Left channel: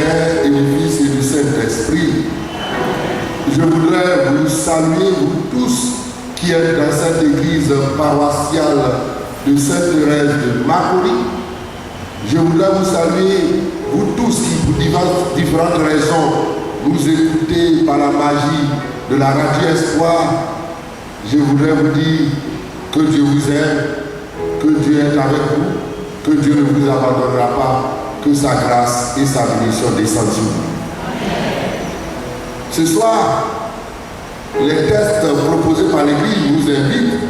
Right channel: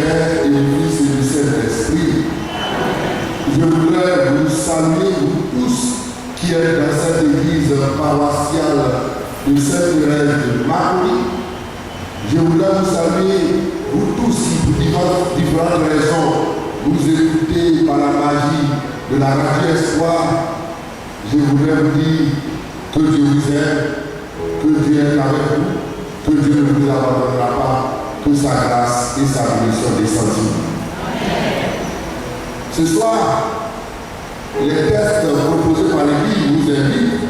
Père et du Fils et du Saint-Esprit. Je voudrais vous saluer, vous tous qui êtes dans cette église paroissiale de Sainte-Thérèse de Macoury. Je voudrais vous saluer, vous tous qui, pour différentes raisons, nous écoutez par la magie de la radio Espoir. Je voudrais vous dire que Dieu vous aime, que Dieu est avec vous, que Dieu ne vous abandonnera pas, que sa grâce et sa bénédiction descendent sur vous. Ce soir, les tests proposés par l'Église vous invitent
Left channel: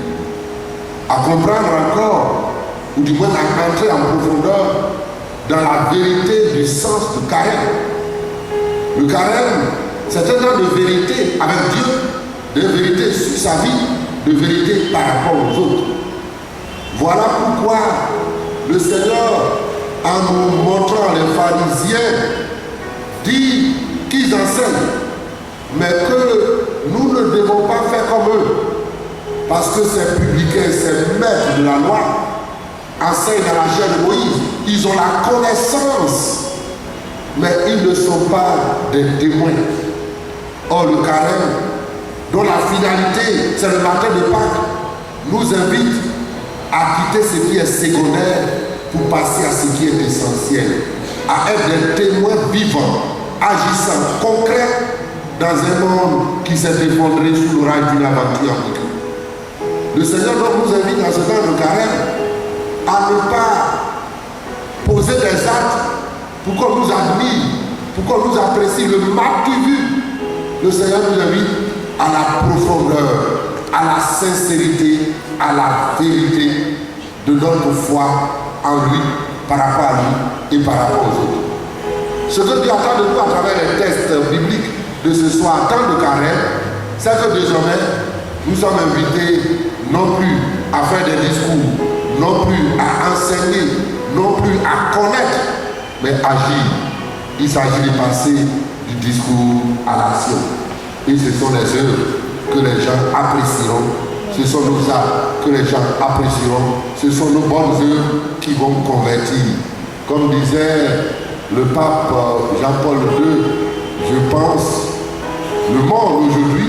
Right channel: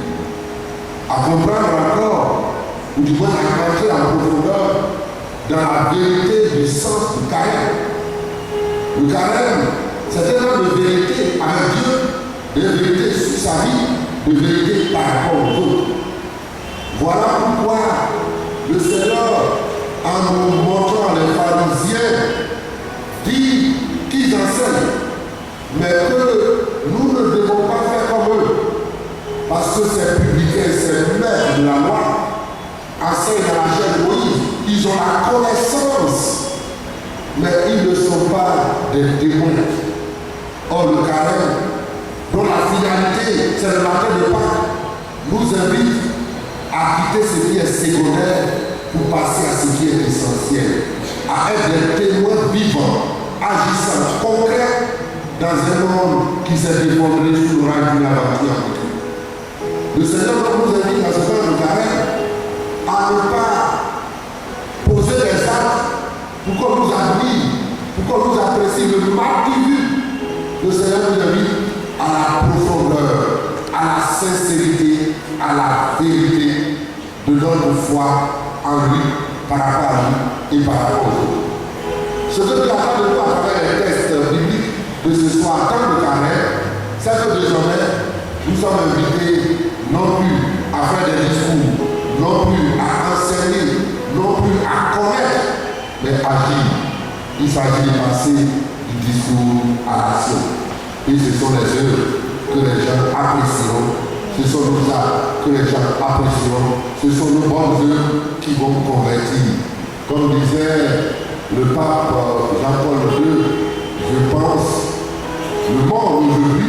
à comprendre encore, ou du moins à entrer en profondeur dans la vérité du sens du carême. Le carême, c'est un temps de vérité avec Dieu, de vérité sur sa vie, de vérité par rapport aux autres. Voilà pourquoi le Seigneur, en nous montrant les pharisiens, dit qu'ils enseignent, mais que nous ne devons pas faire comme eux, parce que ces publicains, ces maîtres de la loi, enseignent dans la chair de Moïse. Ils ont la connaissance, mais ils ne sont pas des témoins. Or, le carême, dont la finalité, c'est le matin de Pâques, nous invite à quitter ce qui est secondaire pour passer à ce qui est essentiel, à être des témoins vivants, agissants, concrets, dans un monde qui s'est effondré sous l'orage d'une aventure africaine. Le Seigneur nous invite à ce temps de carême à ne pas poser des actes pour qu'on nous admire, pour qu'on nous apprécie le martyr. Le Seigneur nous invite à la profondeur, à la sincérité, à la vérité de notre foi en lui, par rapport à lui et par rapport aux autres. Ce que Dieu attend de nous à travers les textes bibliques de ce soir, temps de carême, c'est que désormais, nous sommes invités non plus à faire des discours, non plus à enseigner, non plus à connaître, mais agir. Il s'agit de passer du discours à l'action. Et ce sont les œuvres que les gens apprécieront, ce sont nos actes que les gens apprécieront, ce sont nos bonnes œuvres qui vont convertir. Comme disait le pape Jean-Paul II, je pense, le monde aujourd'hui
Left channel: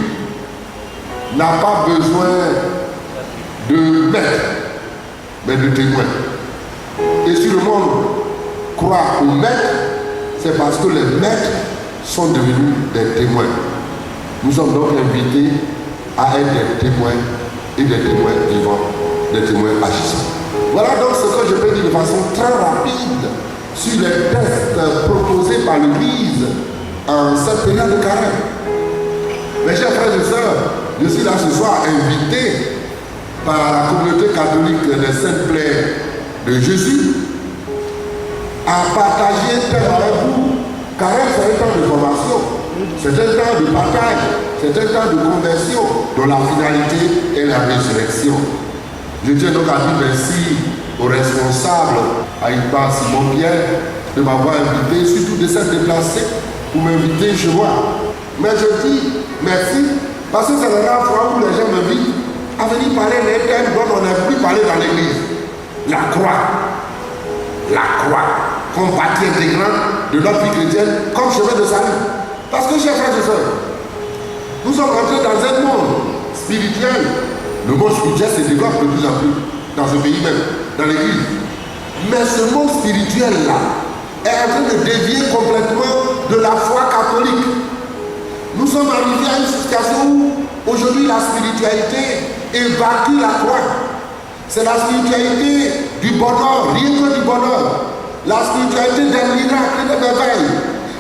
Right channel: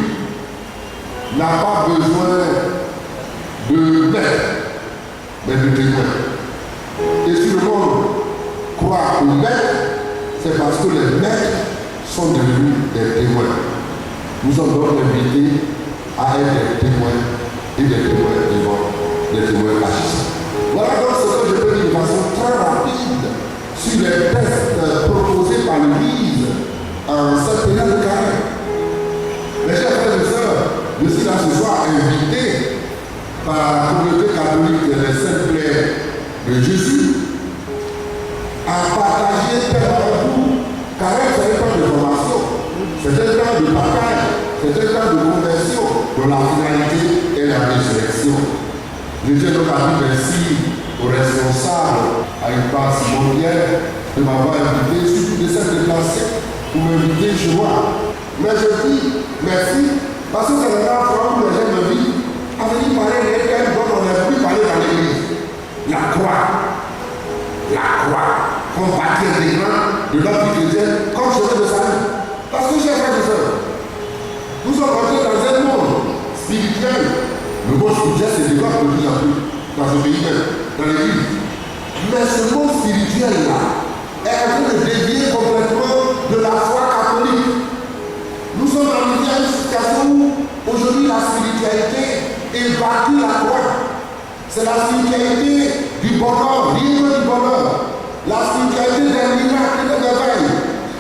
n'a pas besoin de maîtres, mais de témoins. Et si le monde croit aux maîtres, c'est parce que les maîtres sont devenus des témoins. Nous sommes donc invités à être des témoins et des témoins vivants, des témoins agissants. Voilà donc ce que je peux dire de façon très rapide sur les tests proposés par l'Église en cette période de carême. Mes chers frères et sœurs, je suis là ce soir invité par la communauté catholique des Saintes Claires de Jésus à partager avec vous, car c'est un temps de formation, c'est un temps de partage, c'est un temps de conversion dont la finalité est la résurrection. Je tiens donc à dire merci aux responsables, à une part Simon Pierre, de m'avoir invité, surtout de s'être déplacé pour m'inviter chez moi. Mais je dis merci, parce que c'est la dernière fois où les gens me disent à venir parler des thèmes dont on n'a plus parlé dans l'église. La croix, comme partie intégrante de notre vie chrétienne, comme chemin de salut. Parce que, chers frères et sœurs, nous sommes entrés dans un monde spirituel. Le monde spirituel se développe de plus en plus dans ce pays même, dans l'église. Mais ce monde spirituel-là est en train de dévier complètement de la foi catholique. Nous sommes arrivés à une situation où aujourd'hui la spiritualité évacue la croix. C'est la spiritualité du bonheur, rien que du bonheur. La spiritualité des miracles, des merveilles.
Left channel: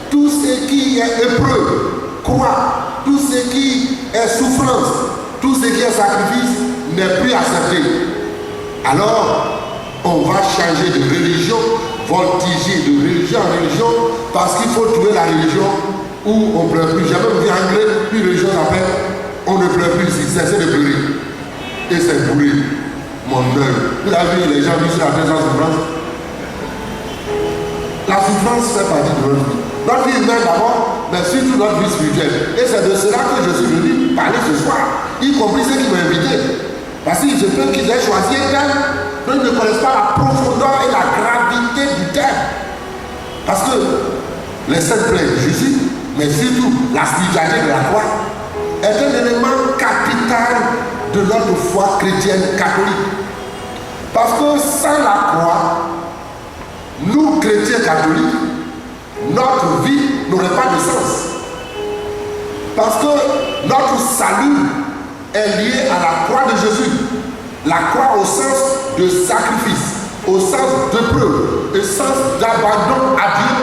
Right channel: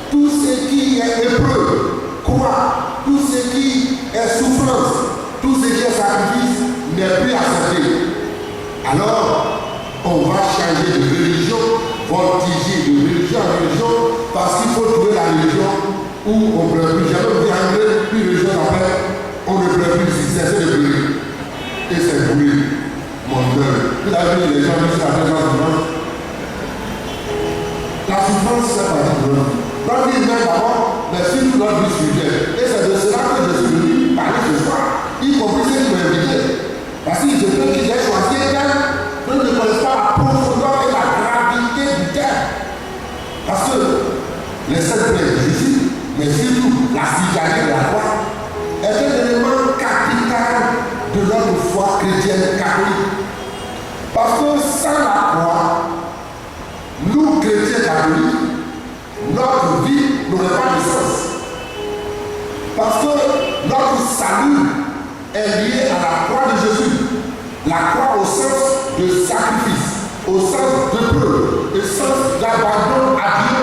Tout ce qui est épreuve, croix, tout ce qui est souffrance, tout ce qui est sacrifice n'est plus accepté. Alors, on va changer de religion, voltiger de religion en religion, parce qu'il faut trouver la religion où on ne pleure plus. J'ai même vu en anglais, une religion s'appelle on ne pleure plus ici, cessez de pleurer. Et c'est brûlé, mon œuvre. Vous avez vu les gens qui sont à la souffrance. La souffrance fait partie de notre vie. Notre vie humaine d'abord, mais surtout notre vie spirituelle. Et c'est de cela que je suis venu parler ce soir, y compris ceux qui m'ont invité. Parce que je peux qu'ils aient choisi un thème, eux ne connaissent pas la profondeur et la gravité du thème. Parce que les saintes plaies de Jésus, mais surtout la spiritualité de la croix, est un élément capital de notre foi chrétienne catholique. Parce que sans la croix, nous chrétiens catholiques, notre vie n'aurait pas de sens. Parce que notre salut est lié à la croix de Jésus. La croix au sens de sacrifice, au sens de preuve, au sens d'abandon à Dieu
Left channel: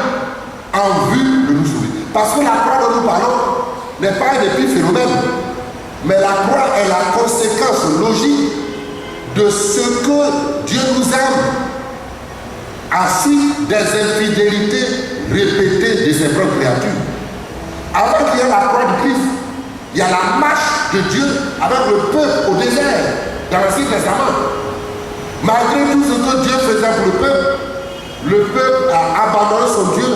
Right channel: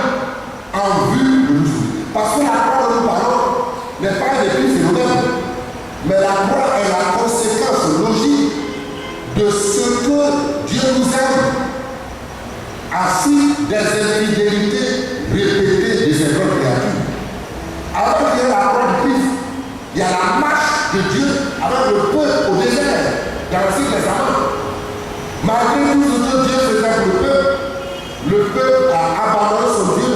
en vue de nous sauver. Parce que la croix dont nous parlons n'est pas un épiphénomène, mais la croix est la conséquence logique de ce que Dieu nous aime, ainsi des infidélités répétées de ses propres créatures. Avant qu'il y ait la croix de Christ, il y a la marche de Dieu avec le peuple au désert, dans l'Ancien Testament. Malgré tout ce que Dieu faisait pour le peuple a abandonné son Dieu,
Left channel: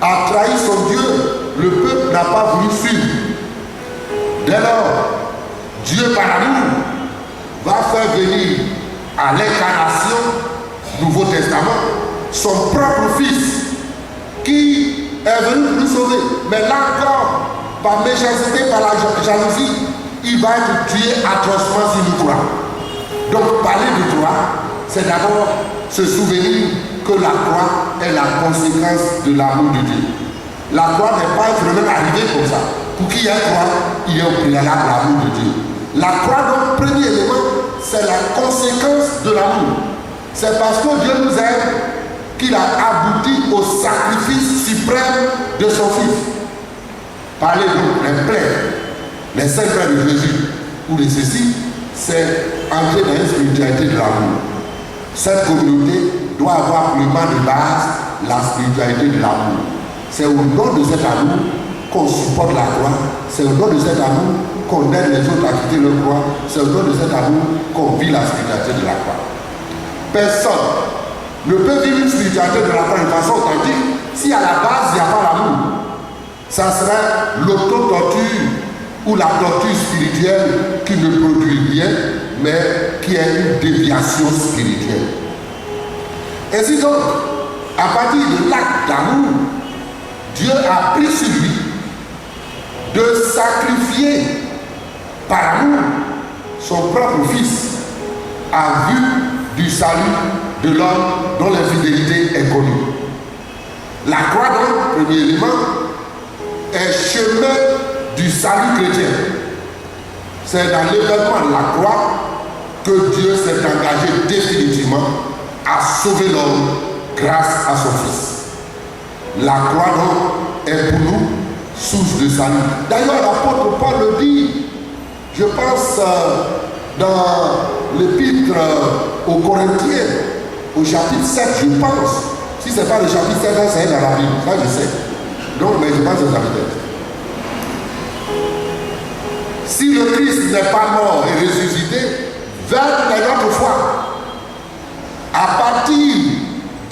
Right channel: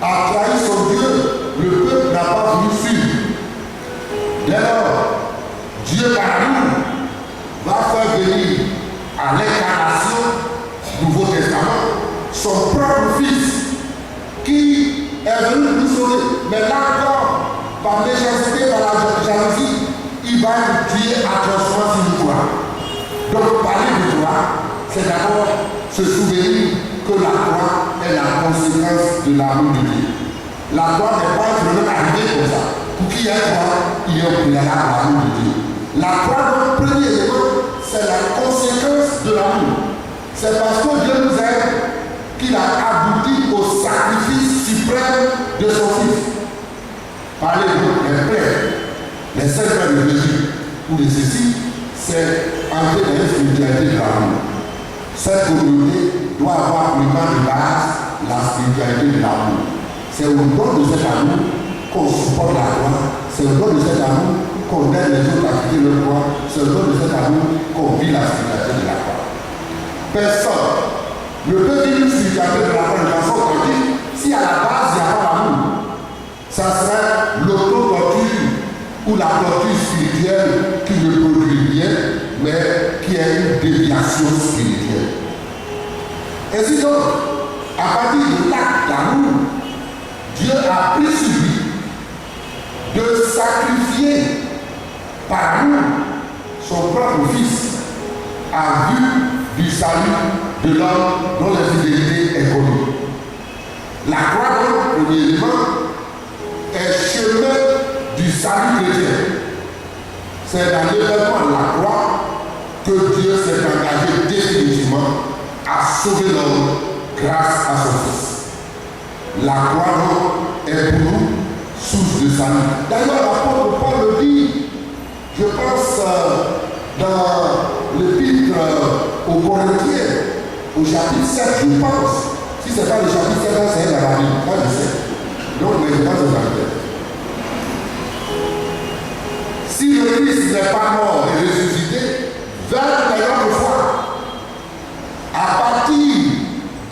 a trahi son Dieu, le peuple n'a pas voulu suivre. Dès lors, Dieu par amour va faire venir à l'incarnation du Nouveau Testament son propre Fils qui est venu nous sauver. Mais là encore, par méchanceté, par la jalousie, il va être tué atrocement si nous croyons. Donc parler de croix, c'est d'abord se souvenir que la croix est la conséquence de l'amour de Dieu. La croix n'est pas un phénomène arrivé comme ça. Pour qu'il y ait une croix, il y a au préalable l'amour de Dieu. La croix, donc, premier élément, c'est la conséquence de l'amour. C'est parce que Dieu nous aime qu'il a abouti au sacrifice suprême de son Fils. Parlez donc des plaies, les saints plaies de Jésus, ou de ceci, c'est entrer dans une spiritualité de l'amour. Cette communauté doit avoir pour de base la spiritualité de l'amour. C'est au nom de cet amour qu'on supporte la croix, c'est au nom de cet amour qu'on aide les autres à quitter leur croix, c'est au nom de cet amour qu'on vit la spiritualité de la croix. Personne ne peut vivre une spiritualité de la croix de façon authentique si à la base il n'y a pas l'amour. Ça serait l'auto-torture ou la torture spirituelle qui ne produit rien, mais qui est une déviation spirituelle. Ainsi donc, à partir de l'acte d'amour, Dieu a pris sur lui de sacrifier par amour son propre Fils à vue du salut de l'homme dont l'infidélité est connue. La croix, donc, premier élément, est chemin du salut chrétien. C'est dans l'événement de la croix que Dieu s'est engagé définitivement à sauver l'homme grâce à son Fils. La croix, donc, est pour nous source de salut. D'ailleurs, l'apôtre Paul le dit, je pense dans l'épître aux Corinthiens, au chapitre 7, je pense. Si ce n'est pas le chapitre 7, c'est dans la Bible, ça je sais. Donc, mais je pense que ça peut être. Si le Christ n'est pas mort et ressuscité, vers notre foi. À partir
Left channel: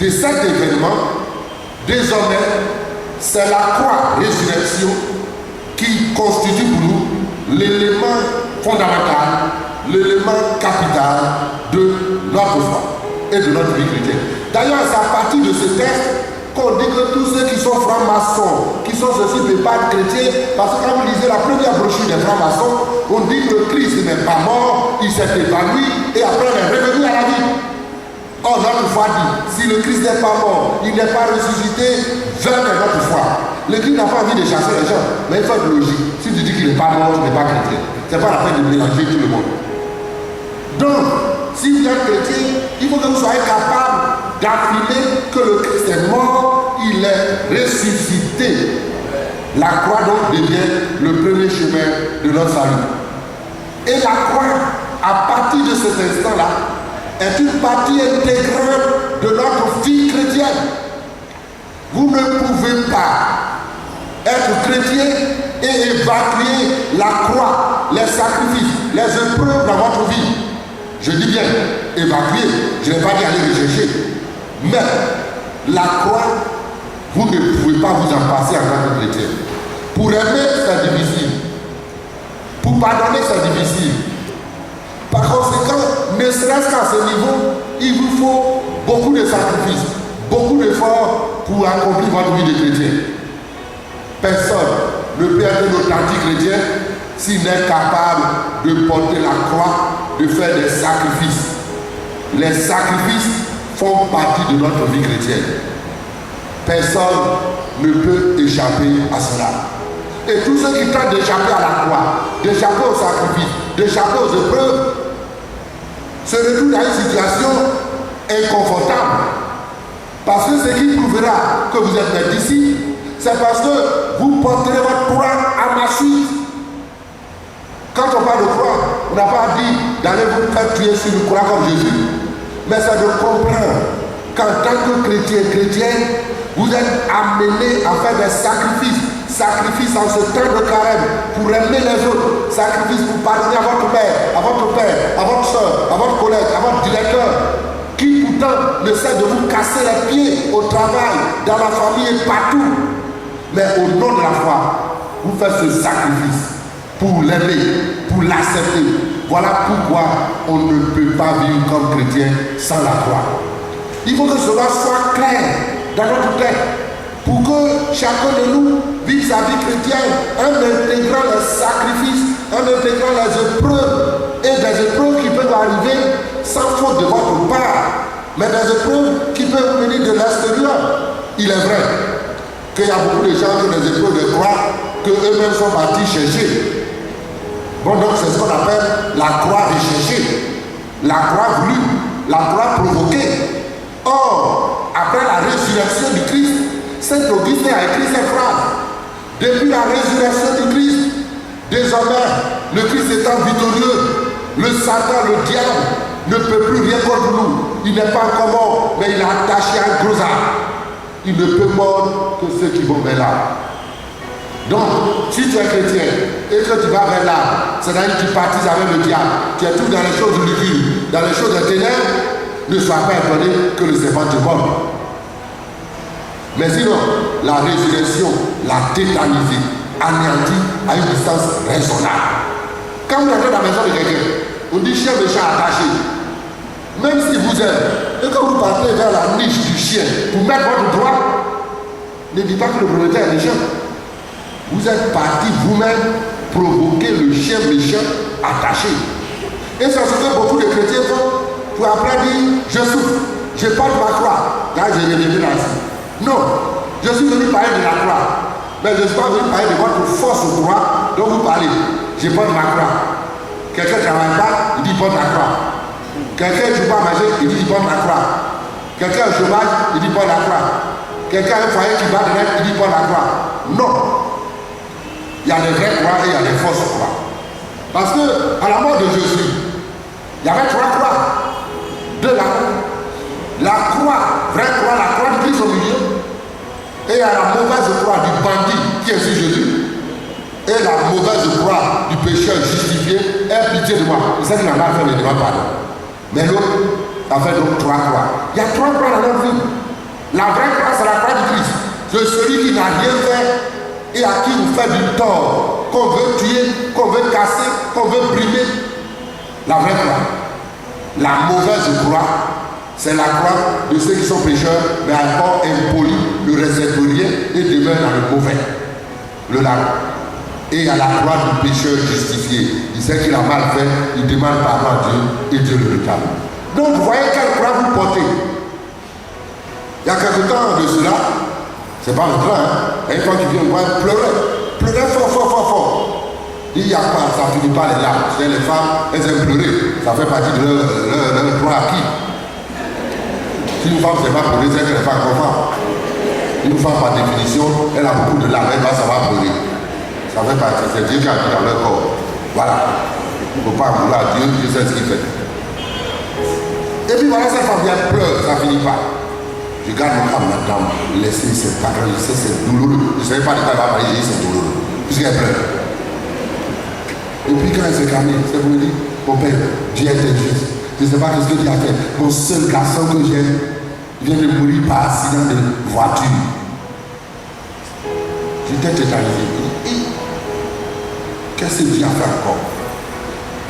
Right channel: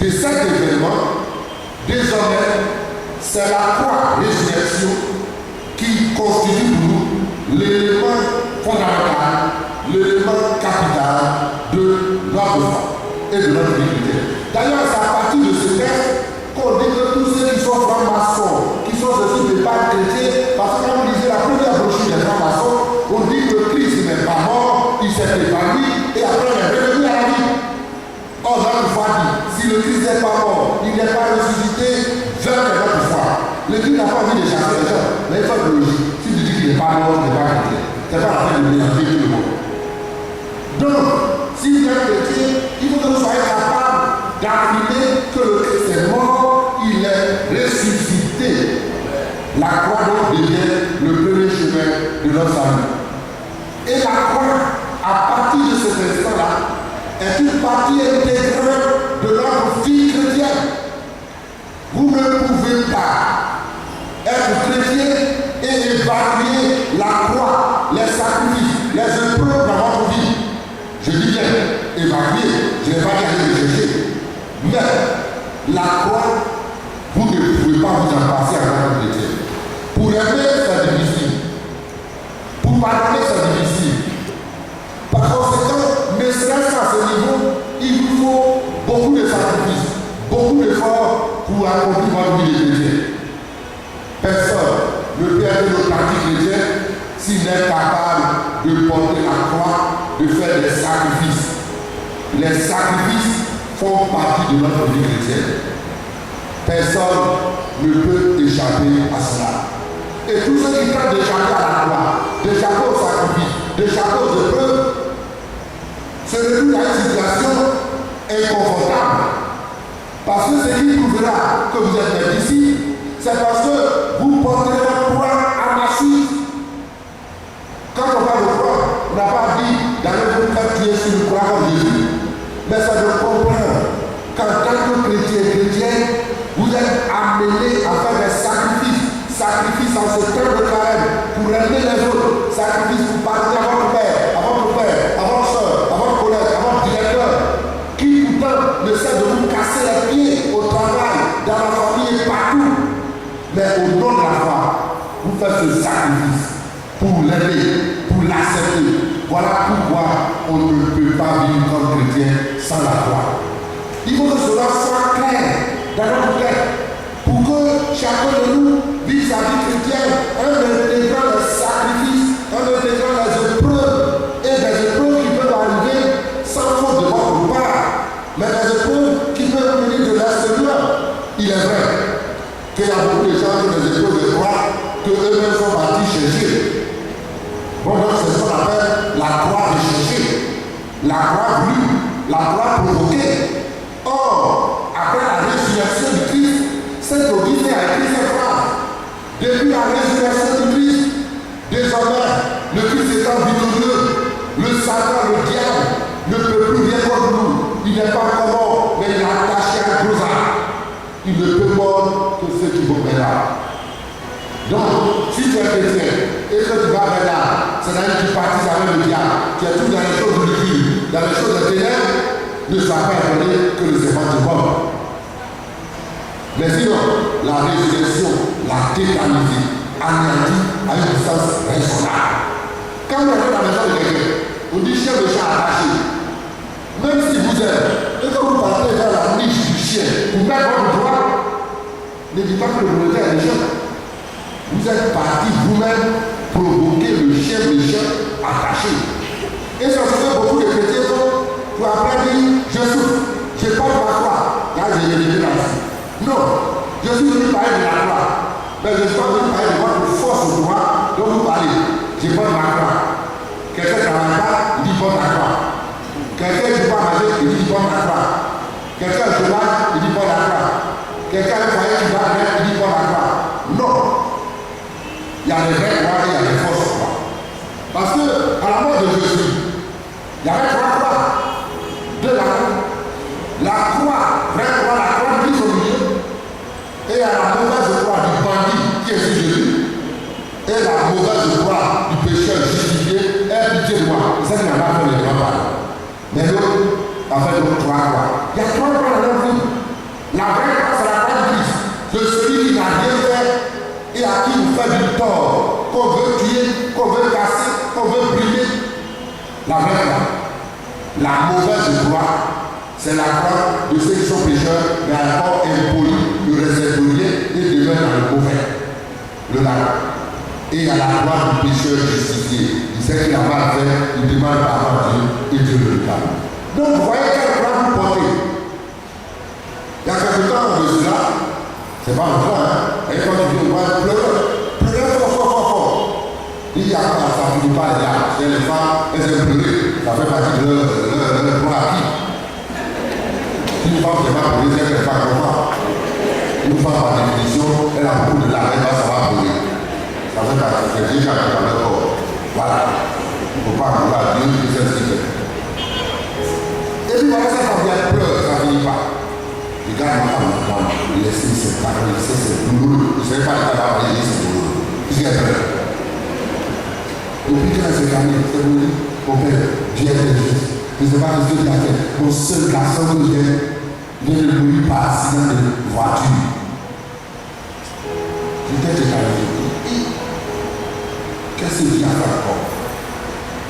de cet événement, désormais, c'est la croix, résurrection, qui constitue pour nous l'élément fondamental, l'élément capital de notre foi et de notre vie chrétienne. D'ailleurs, c'est à partir de ce texte qu'on dit que tous ceux qui sont francs-maçons, qui sont ceci des pères chrétiens, parce que quand vous lisez la première brochure des francs-maçons, on dit que Christ n'est pas mort, il s'est évanoui et après il est revenu à la vie. Or, notre foi dit, si le Christ n'est pas mort, il n'est pas ressuscité, vers notre foi. Le Christ n'a pas envie de chasser les gens, mais il faut être logique. Si tu dis qu'il n'est pas mort, tu n'es pas chrétien. Ce n'est pas la peine de mélanger tout le monde. Donc, si vous êtes chrétien, il faut que vous soyez capable d'affirmer que le Christ est mort, il est ressuscité. La croix donc devient le premier chemin de notre salut. Et la croix, à partir de cet instant-là, est une partie intégrante de notre vie chrétienne. Vous ne pouvez pas être chrétien et évacuer la croix, les sacrifices, les épreuves dans votre vie. Je dis bien évacuer, je n'ai pas dit aller le chercher. Mais la croix, vous ne pouvez pas vous en passer en tant que chrétien. Pour aimer, c'est difficile. Pour pardonner, c'est difficile. Par conséquent, ne serait-ce qu'à ce niveau, il vous faut beaucoup de sacrifices, beaucoup d'efforts pour accomplir votre vie de chrétien. Personne ne peut être un authentique chrétien s'il n'est capable de porter la croix, de faire des sacrifices. Les sacrifices font partie de notre vie chrétienne. Personne ne peut échapper à cela. Et tous ceux qui tentent d'échapper à la croix, d'échapper au sacrifice, d'échapper aux épreuves, se retrouvent dans une situation inconfortable. Parce que ce qui prouvera que vous êtes mes disciples, c'est parce que vous porterez votre croix à ma suite. Quand on parle de croix, on n'a pas dit d'aller vous faire tuer sur une croix comme Jésus. Mais c'est de comprendre qu'en tant que chrétien, vous êtes amenés à faire des sacrifices. Sacrifices en ce temps de carême pour aimer les autres. Sacrifices pour pardonner à votre père, à votre soeur, à votre collègue, à votre directeur, qui pourtant ne cesse de vous casser les pieds au travail, dans la famille et partout. Mais au nom de la foi, vous faites ce sacrifice pour l'aimer, pour l'accepter. Voilà pourquoi on ne peut pas vivre comme chrétien sans la croix. Il faut que cela soit clair dans notre tête pour que chacun de nous vive sa vie chrétienne en intégrant les sacrifices, en intégrant les épreuves et des épreuves qui peuvent arriver sans faute de votre part, mais des épreuves qui peuvent venir de l'extérieur. Il est vrai qu'il y a beaucoup de gens qui ont des épreuves de croix que eux-mêmes sont partis chercher. Bon, donc c'est ce qu'on appelle la croix recherchée, la croix voulue, la croix provoquée. Or, après la résurrection du Christ, Saint Augustin a écrit cette phrase. Depuis la résurrection du Christ, désormais, le Christ étant victorieux, le Satan, le diable, ne peut plus rien contre nous. Il n'est pas encore mort, mais il est attaché à un gros arbre. Il ne peut mordre que ceux qui vont vers là. Donc, si tu es chrétien et que tu vas vers là, c'est-à-dire que tu partises avec le diable, tu es tout dans les choses du liquide, dans les choses des ténèbres, ne sois pas étonné que le serpent te morde. Mais sinon, la résurrection l'a tétanisé, anéanti à une distance raisonnable. Quand vous entrez dans la maison de quelqu'un, on dit chien méchant attaché. Même si vous êtes, et que vous partez vers la niche du chien pour mettre votre doigt, ne dites pas que le propriétaire est méchant. Vous êtes parti vous-même provoquer le chien méchant attaché. Et c'est ce que beaucoup de chrétiens font pour après dire je souffre, je porte ma croix. Là, j'ai relevé là-dessus. Non, je suis venu parler de la croix. Mais je ne suis pas venu parler de votre force au pouvoir dont vous parlez. Je porte ma croix. Quelqu'un ne travaille pas, il dit porte la croix. Quelqu'un ne joue pas à manger, il dit porte la croix. Quelqu'un a un chômage, il dit porte la croix. Quelqu'un a un foyer qui va de l'air, il dit porte la croix. Non. Il y a des vraies croix et il y a des fausses croix. Parce que à la mort de Jésus, il y avait 3 croix. De la croix, vraie croix, la croix de Christ au milieu. Et il y a la mauvaise croix du bandit qui est sur Jésus. Et la mauvaise croix du pécheur justifié. Aie pitié de moi. C'est ça qu'il n'a pas fait le devant pardon. Mais l'autre a fait donc 3 croix. Il y a 3 croix dans notre vie. La vraie croix, c'est la croix du Christ. C'est celui qui n'a rien fait et à qui vous fait du tort, qu'on veut tuer, qu'on veut casser, qu'on veut brimer. La vraie croix. La mauvaise croix, c'est la croix de ceux qui sont pécheurs, mais encore impolis, ne réservent rien et demeurent dans le mauvais. Le lac. Et il y a la croix du pécheur justifié. Il sait qu'il a mal fait, il demande pardon à Dieu et Dieu le réclame. Donc vous voyez quelle croix vous portez. Il y a quelque temps de cela, c'est pas un train, hein? Et quand tu viens voir, pleurer fort. Il y a pas, ça finit pas les larmes. Chez les femmes, elles aiment pleurer. Ça fait partie de leur droit acquis. Si une femme ne sait pas pleurer, c'est qu'elle n'est pas conforme. Une femme, par définition, elle a beaucoup de larmes, elle va savoir pleurer. Ça fait partie, c'est Dieu qui a mis dans leur corps. Voilà. Il ne faut pas vouloir Dieu, Dieu sait ce qu'il fait. Et puis voilà, cette femme vient pleure, ça ne finit pas. Je garde ma femme maintenant, laissez ses parents, laissez c'est douloureux. Je ne savais pas de quoi elle va parler, c'est douloureux. Puisqu'elle pleure. Et puis quand elle s'est calmée, c'est pour dire, mon père, Dieu est injuste. Je ne sais pas ce que tu as fait. Mon seul garçon que j'aime vient de mourir par accident de voiture. J'étais tétanisé. Qu'est-ce que Dieu a fait encore?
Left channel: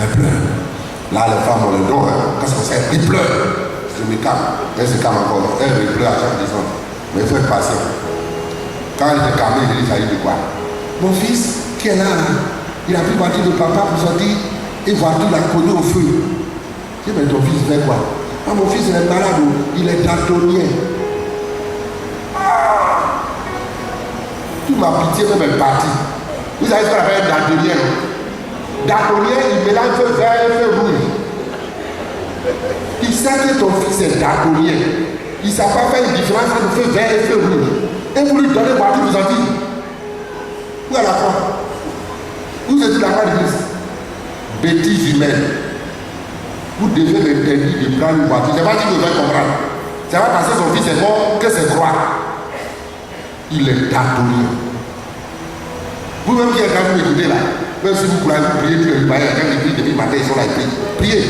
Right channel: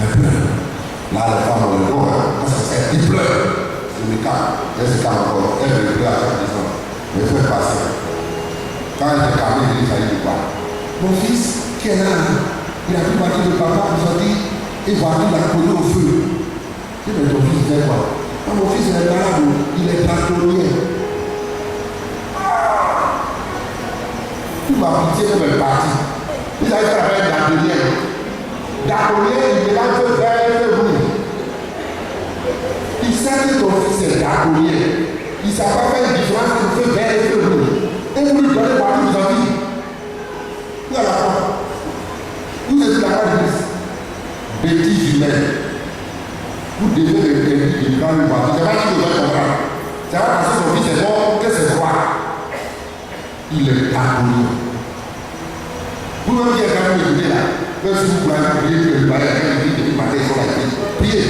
Elle pleure. Là, les femmes ont le dos, parce que c'est, ils pleurent. Je me calme. Elle se calme encore. Elle pleure à chaque descente. Mais il faut être patient. Quand elle était calmée, il s'agit de quoi? Mon fils, qui est là, il a pris partie de papa pour sortir et voiture l'a collé au feu. Je dis, mais ton fils fait quoi? Ah, mon fils il est malade, il est daltonien. Tout ma pitié même est partie. Vous savez ce qu'on appelle daltonien? Daltonien, il mélange feu vert et feu rouge. Il sait que ton fils est daltonien. Il ne sait pas faire une différence entre feu vert et feu rouge. Et vous lui donnez voiture, vous en dites. Où est la foi? Vous êtes la foi de Christ. Bêtise humaine. Vous devez l'interdire de prendre une voiture. C'est pas qu'il devait comprendre. C'est pas parce que son fils est mort que c'est droit. Il est daltonien. Vous-même qui êtes quand même écouté là, même si vous pouvez prier tous les jours, quand l'église depuis le matin, ils sont là, priez.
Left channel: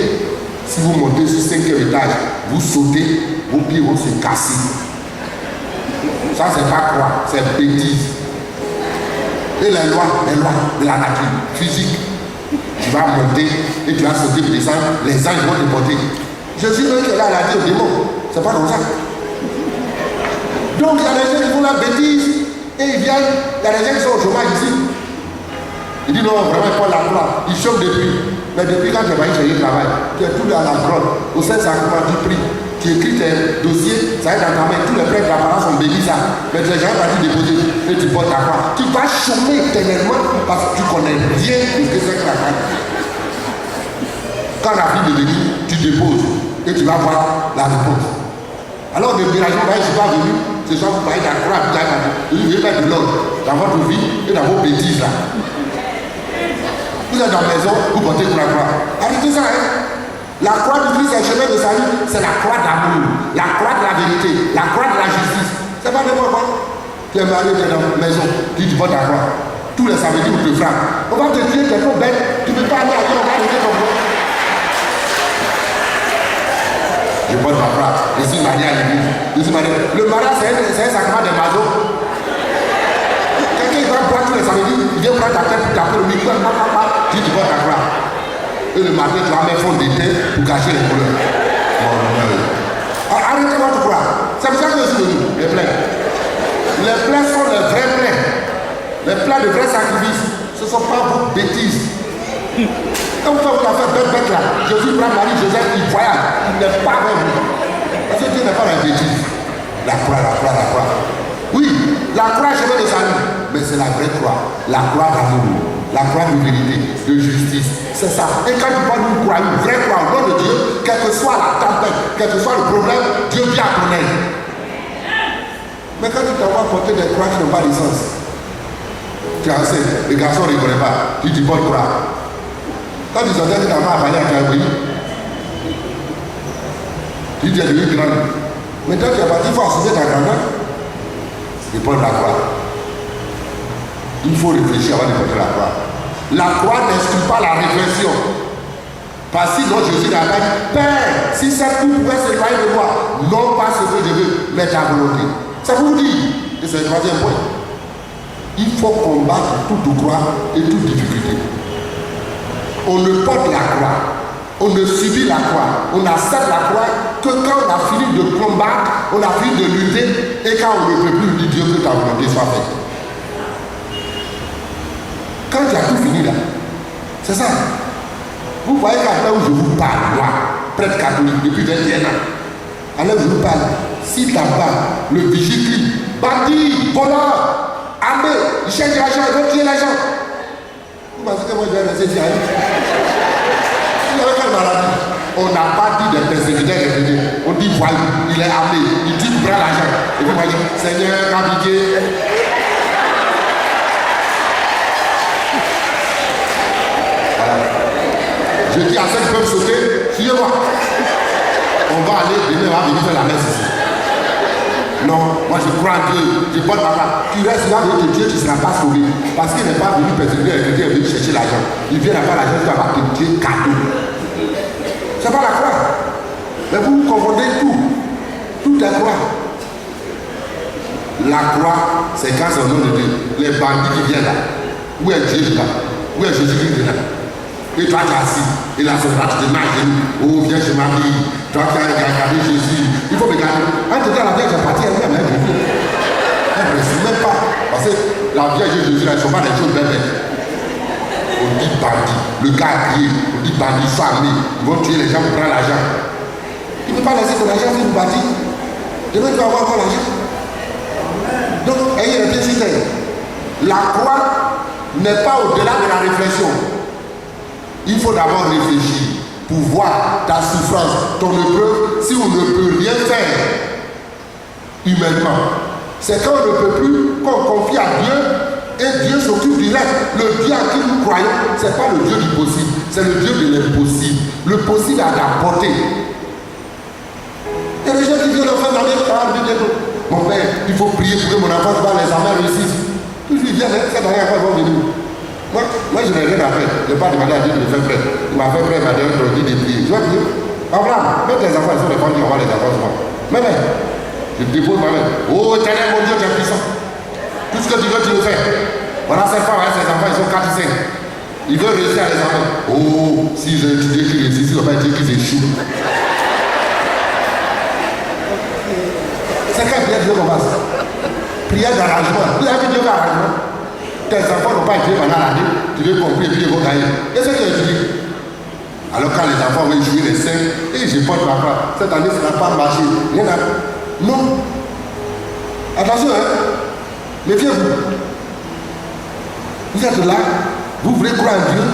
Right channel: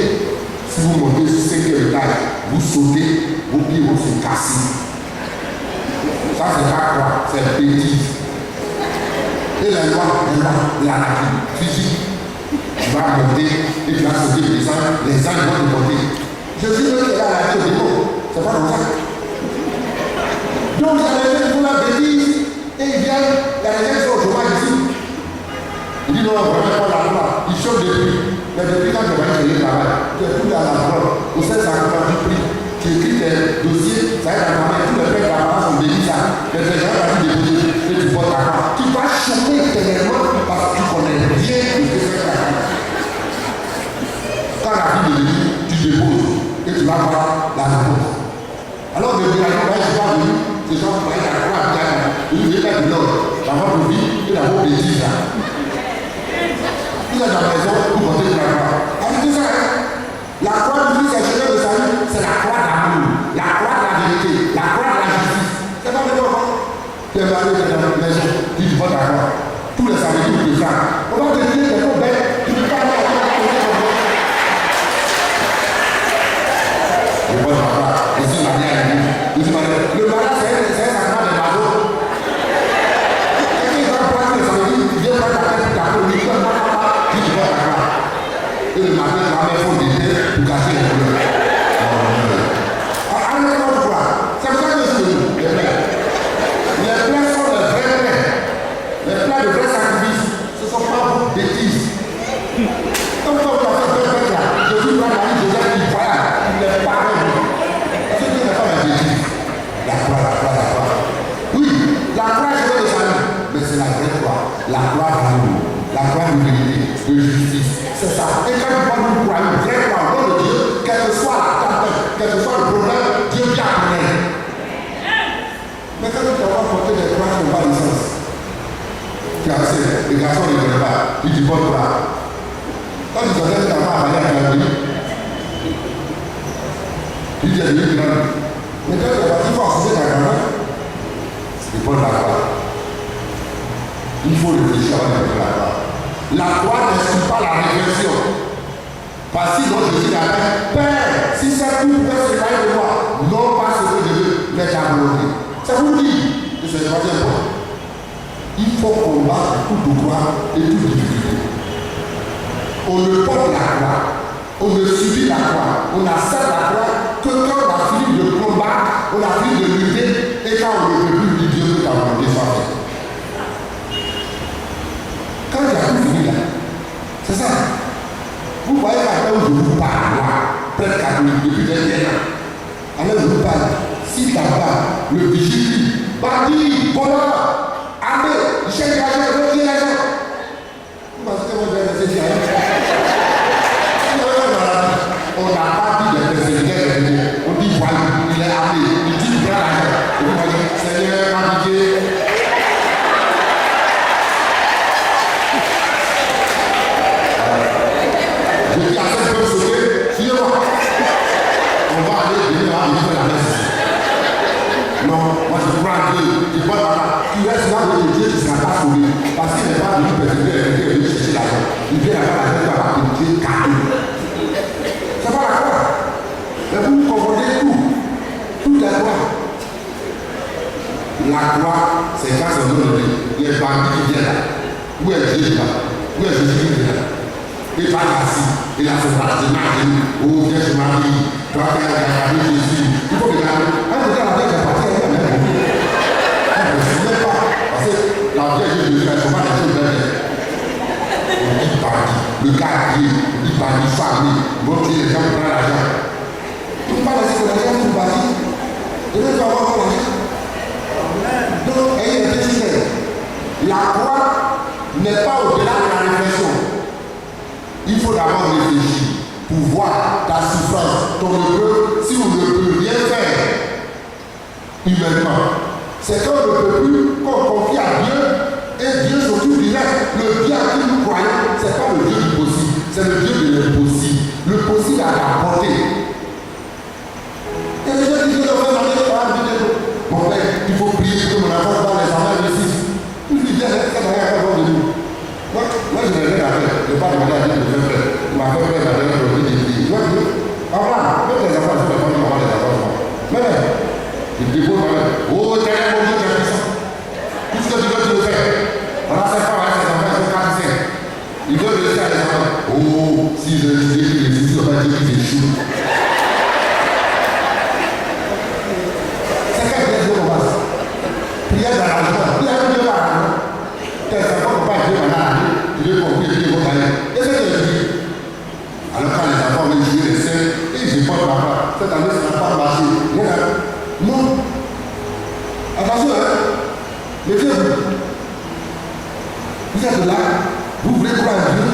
Si vous montez sur 5e étage, vous sautez, vos pieds vont se casser. Ça, c'est pas quoi, c'est bêtise. Et les lois de la nature physique, tu vas monter et tu vas sauter, descendre, les anges vont te porter. Jésus, eux qui est là, il a dit au démon, c'est pas comme ça. Donc, il y a des gens qui font la bêtise et ils viennent, il y a des gens qui sont au chômage ici. Il dit non, vraiment pas la loi, il chôme depuis. Mais depuis quand tu vas chercher le travail, tu es tout à la drogue, au sein de sa compagnie du prix. Tu écris tes dossiers, ça va être dans ta main, tous les prêts de la parole sont bénis ça. Mais tu n'es jamais parti déposer et tu portes ta croix. Tu vas chômer éternellement parce que tu connais bien ce que c'est que la croix. Quand la vie de l'église, tu déposes et tu vas voir la réponse. Alors de déranger, là, je suis pas venu, c'est ça, vous voyez la croix, vous voulez mettre de l'ordre dans votre vie et dans vos bêtises là. Vous êtes dans la maison, vous portez pour la croix. Arrêtez ça, hein? La croix du Christ, c'est le chemin de salut, c'est la croix d'amour, la croix de la vérité, la croix de la justice. C'est pas n'importe quoi. Tu es marié, tu es dans la maison, tu portes ta croix. Tous les samedis, vous te frappent. On va te dire, tu es trop bête, tu ne peux pas aller à toi, on va te dire comme ça. Je porte ma croix, je suis marié à l'église. Le mariage, c'est un sacrement des masos. Quelqu'un va prendre tous les samedis, il vient prendre ta tête pour taper le micro, tu portes ta croix. Et le matin, tu vas mettre fond d'été pour cacher les couleurs. Arrêtez votre croix. C'est pour ça que je suis venu, les plaies. Les plaies sont les vrais plaies. Les plaies de vrais sacrifices. Ce ne sont pas vos bêtises. Quand vous faites bête là, Jésus prend Marie, Joseph, il voyage. Il n'est pas avec vous. Parce que Dieu n'est pas la bêtise. La croix, la croix, la croix. Oui, la croix, je veux le salut. Mais c'est la vraie croix. La croix d'amour. La croix de vérité, de justice. C'est ça. Et quand tu vois une croix, une vraie croix, au nom de Dieu, quelle que soit la tempête, quel que soit le problème, Dieu vient à ton aide. Mais quand tu t'envoies porter des croix qui n'ont pas de sens, tu as assez, les garçons ne connaissent pas, tu dis bonne croix. Quand tu sortais de ta main à parler à ta vie, tu dis à Dieu grand. Mais quand tu es parti, il faut assumer ta grand-mère. C'est pas la croix. Il faut réfléchir avant de porter la croix. La croix n'exclut pas la réflexion. Parce que sinon Jésus a dit, Père, si ça tout pouvait se séparer de moi, non pas ce que je veux, mais ta volonté. Ça vous dit, et c'est le troisième point. Il faut combattre toute croix et toute difficulté. On ne porte la croix, on ne subit la croix, on accepte la croix que quand on a fini de combattre, on a fini de lutter, et quand on ne peut plus dire Dieu que ta volonté soit faite. Quand tu as tout fini là, c'est ça. Vous voyez qu'à où je vous parle, là, prêtre catholique, depuis 21 ans, alors je vous parle, si ta part, le vigile crie, bandit, voleur, armé, il cherche l'argent, il veut tuer l'argent. Vous pensez que moi je vais laisser dire on n'a pas dit de persécuter les Dieu. On dit voyou, il est armé, il dit qu'il prend l'argent. Et vous voyez, Seigneur, ma pitié. Je dis à ceux qui peuvent sauter, suivez-moi. On va aller, demain, on va venir faire la messe ici. Non, moi je crois en Dieu, je porte ma part. Tu restes là avec Dieu, tu ne seras pas sauvé. Parce qu'il n'est pas venu persécuter les chrétiens, il est venu chercher l'argent. Il vient d'avoir l'argent, tu vas avoir que Dieu cadeau. C'est pas la croix. Mais vous confondez tout. Tout est croix. La croix, c'est quand c'est au nom de Dieu. Les bandits qui viennent là. Où est Dieu là? Où est Jésus qui vient là? Et toi, tu es assis. Et là, c'est pas de marcher. Oh, viens chez ma vie. Toi, tu as regardé Jésus. Il faut regarder. En tout cas, la veille, j'ai parti avec la même. Elle ne me suivait pas. Parce que la Vierge Jésus, là, ils ne sont pas des choses belles. On dit bandit. Le gars a crié, on dit bandit, ils sont armés. Ils vont tuer les gens pour prendre l'argent. Il ne peut pas laisser que l'argent vienne nous bâtir. Demain, tu vas avoir encore l'argent. Donc, ayez un petit système. La croix n'est pas au-delà de la réflexion. Il faut d'abord réfléchir pour voir ta souffrance, ton épreuve, si on ne peut rien faire humainement. C'est quand on ne peut plus, qu'on confie à Dieu et Dieu s'occupe du reste. Le Dieu à qui nous croyons, ce n'est pas le Dieu du possible, c'est le Dieu de l'impossible. Le possible à la portée. Et les gens qui disent l'enfant dans les parents, mon père, il faut prier pour que mon enfant dans les enfants réussissent. Je lui dis, ça n'a rien à voir avec nous. Moi, je n'ai rien à faire. Je n'ai pas demandé à Dieu de me faire prêt. Il m'a fait prêt, il m'a donné le produit des prières. Tu vois, Abraham, même tes enfants, ils sont les femmes qui vont voir les enfants. Mais, je dépose ma main. Oh, éternel, mon Dieu, tu es puissant. Tout ce que tu veux, tu le fais. Voilà, ces femmes, ces enfants, ils sont 4 ou 5. Ils veulent réussir à les enfants. Oh, si j'ai étudié qu'ils réussissent, ils ne vont pas dire qu'ils échouent. C'est quand Dieu commence. Prière d'arrangement. Vous avez Dieu d'arrangement. Tes enfants n'ont pas été pendant l'année. Tu veux compris et puis ils vont gagner. Et c'est ce que je dis. Alors quand les enfants veulent jouer les 5, et je porte ma part. Cette année, ça n'a pas marché. Non. Attention, hein. Méfiez-vous. Vous êtes là, vous voulez croire en Dieu.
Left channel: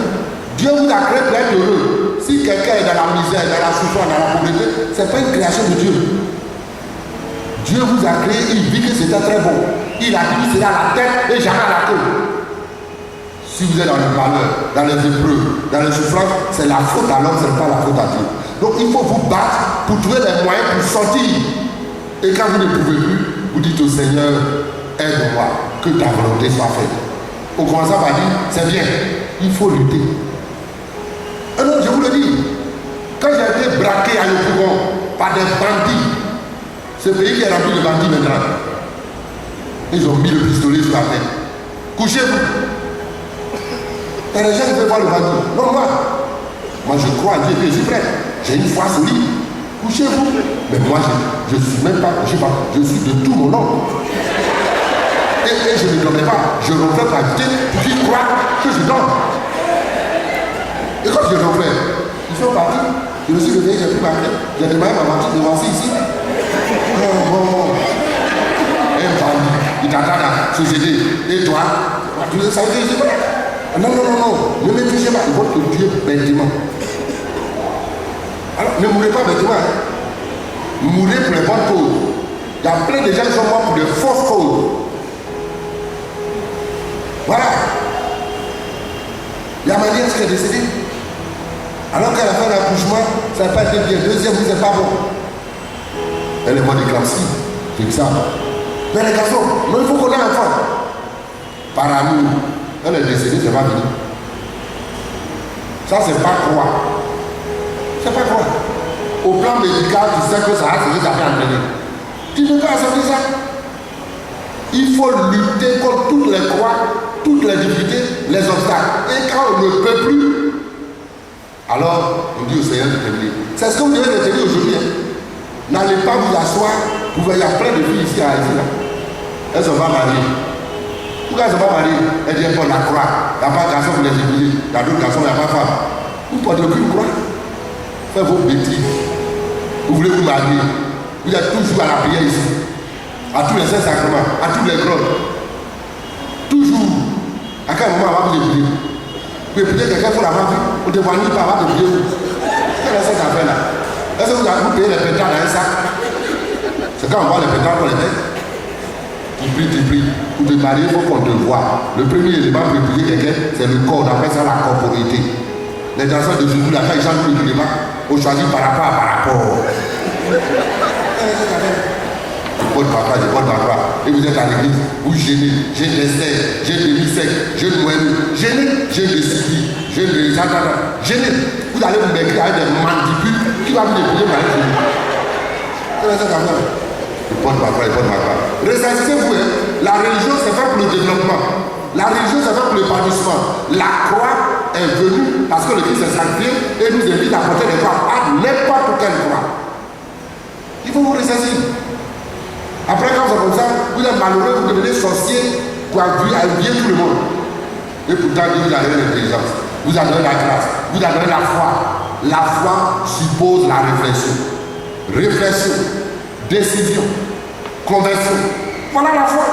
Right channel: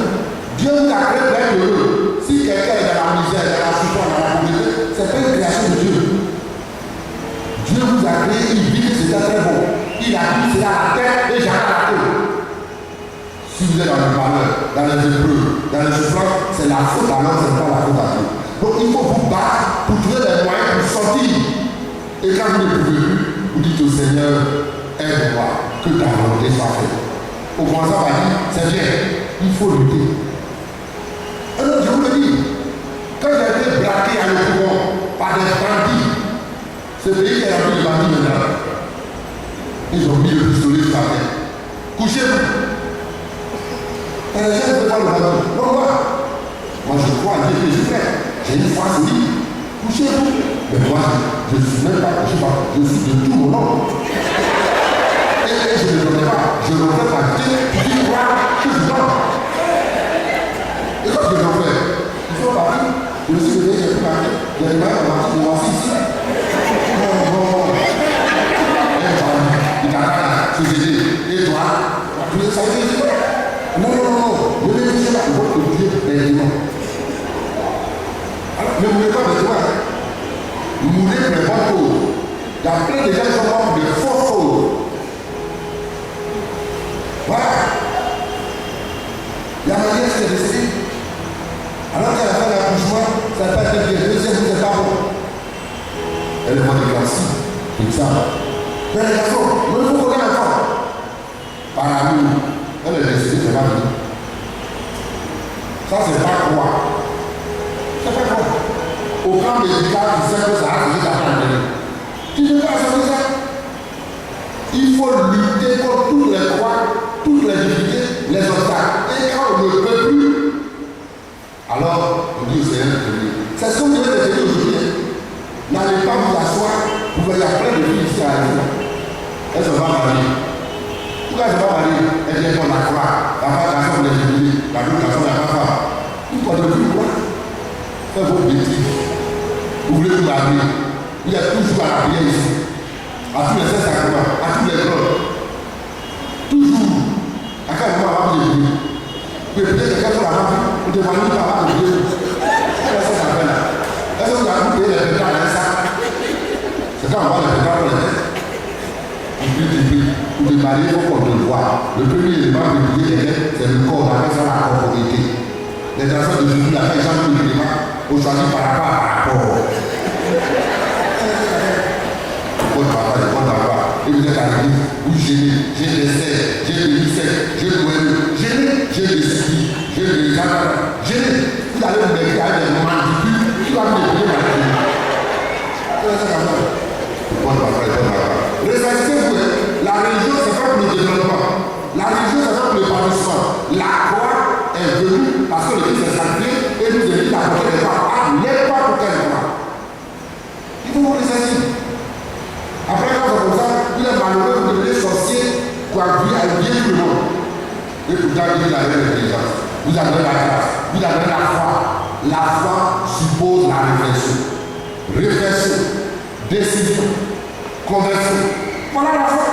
Dieu vous a créé pour être heureux. Si quelqu'un est dans la misère, dans la souffrance, dans la pauvreté, ce n'est pas une création de Dieu. Dieu vous a créé, il vit que c'était très bon. Il a dit que c'est à la tête et jamais à la queue. Si vous êtes dans le malheur, dans les épreuves, dans les souffrances, c'est la faute à l'homme, ce n'est pas la faute à Dieu. Donc il faut vous battre pour trouver les moyens pour sortir. Et quand vous ne pouvez plus, vous dites au Seigneur, aide-moi, que ta volonté soit faite. Au commençant par dire, c'est bien, il faut lutter. Alors je vous le dis, quand j'ai été braqué à l'Opougon par des bandits, ce pays qui est rempli de bandits maintenant, ils ont mis le pistolet sur la tête. Couchez-vous. Et les gens ne veulent pas le bandit. Non, moi je crois à Dieu que je suis prêt. J'ai une foi solide. Couchez-vous. Mais moi je ne suis même pas couché, je suis de tout mon nom. Et je ne donnais pas. Je refais par Dieu qui croit que je donne. Et quand je refais, ils sont partis. Je me suis levé, j'ai pris ma tête. J'ai demandé à ma petite de voir ici. Bon. Il t'attend à la société. Et toi, tu le savais ici. Non. Ne me touchez pas. Il faut te tuer bêtement. Alors, ne mourrez pas bêtement. Mourrez pour les bonnes causes. Il y a plein de gens qui sont morts pour de fausses causes. Voilà. Il y a ma nièce qui est décédée. Alors qu'elle a fait l'accouchement, ça n'a pas été bien. Deuxième, c'est pas bon. Elle est morte de classique. C'est ça. Mais les garçons, il faut qu'on ait un enfant. Par amour. Elle est décédée, c'est pas fini. Ça, c'est pas croire. C'est pas croire. Au plan médical, tu sais que ça a fait ça fait entraîner. Tu ne peux pas accepter ça. Il faut lutter contre toutes les croix, toutes les difficultés, les obstacles. Et quand on ne peut plus, alors on dit au Seigneur de tenir. C'est ce que vous devez retenir aujourd'hui. N'allez pas vous asseoir. Vous voyez, il y a plein de filles ici à Haïti. Elles ne sont pas mariées. Pourquoi elles ne sont pas mariées? Elles disent qu'on la croix. Il n'y a pas de garçon pour les épouser. Dans d'autres garçons, il n'y a pas de femme. Vous ne portez aucune croix. Faites vos bêtises. Vous voulez vous marier. Vous êtes toujours à la prière ici. À tous les saints sacrements, à tous les grottes. Toujours. À quel moment on va vous épouser? Vous épousez quelqu'un pour la vie. On ne voit nulle part avant de prier. Quelle est cette affaire-là? Est-ce que vous avez payé les pétards dans un sac? C'est quand on voit les pétards pour les têtes. Tu pries. Pour te marier, il faut qu'on te voie. Le premier élément pour épouser quelqu'un, c'est le corps. On appelle ça la corporité. Les enfants de Jésus, là, quand ils chantent tous les éléments, on choisit par rapport à par rapport. Votre papa, je porte papa. Et vous êtes à l'église, vous gênez. J'ai des serres, j'ai des missèques, j'ai le moelleux, gêné, j'ai des soucis, j'ai des attentats. Gêné. Vous allez vous mettre avec des mandibules qui va vous débrouiller par les porte papa. Ressentez-vous, la religion c'est fait pour le développement. La religion c'est fait pour l'épanouissement. La croix est venue parce que le Christ est sanctifié et nous invite à porter les croix à n'importe quelle croix. Il faut vous ressentir. Après quand c'est comme ça, vous êtes malheureux, vous devenez sorcier, pour habiller tout le monde. Et pourtant, il vous a donné l'intelligence, vous a donné la grâce, vous a donné la foi. La foi suppose la réflexion. Réflexion, décision, conversion. Voilà la foi.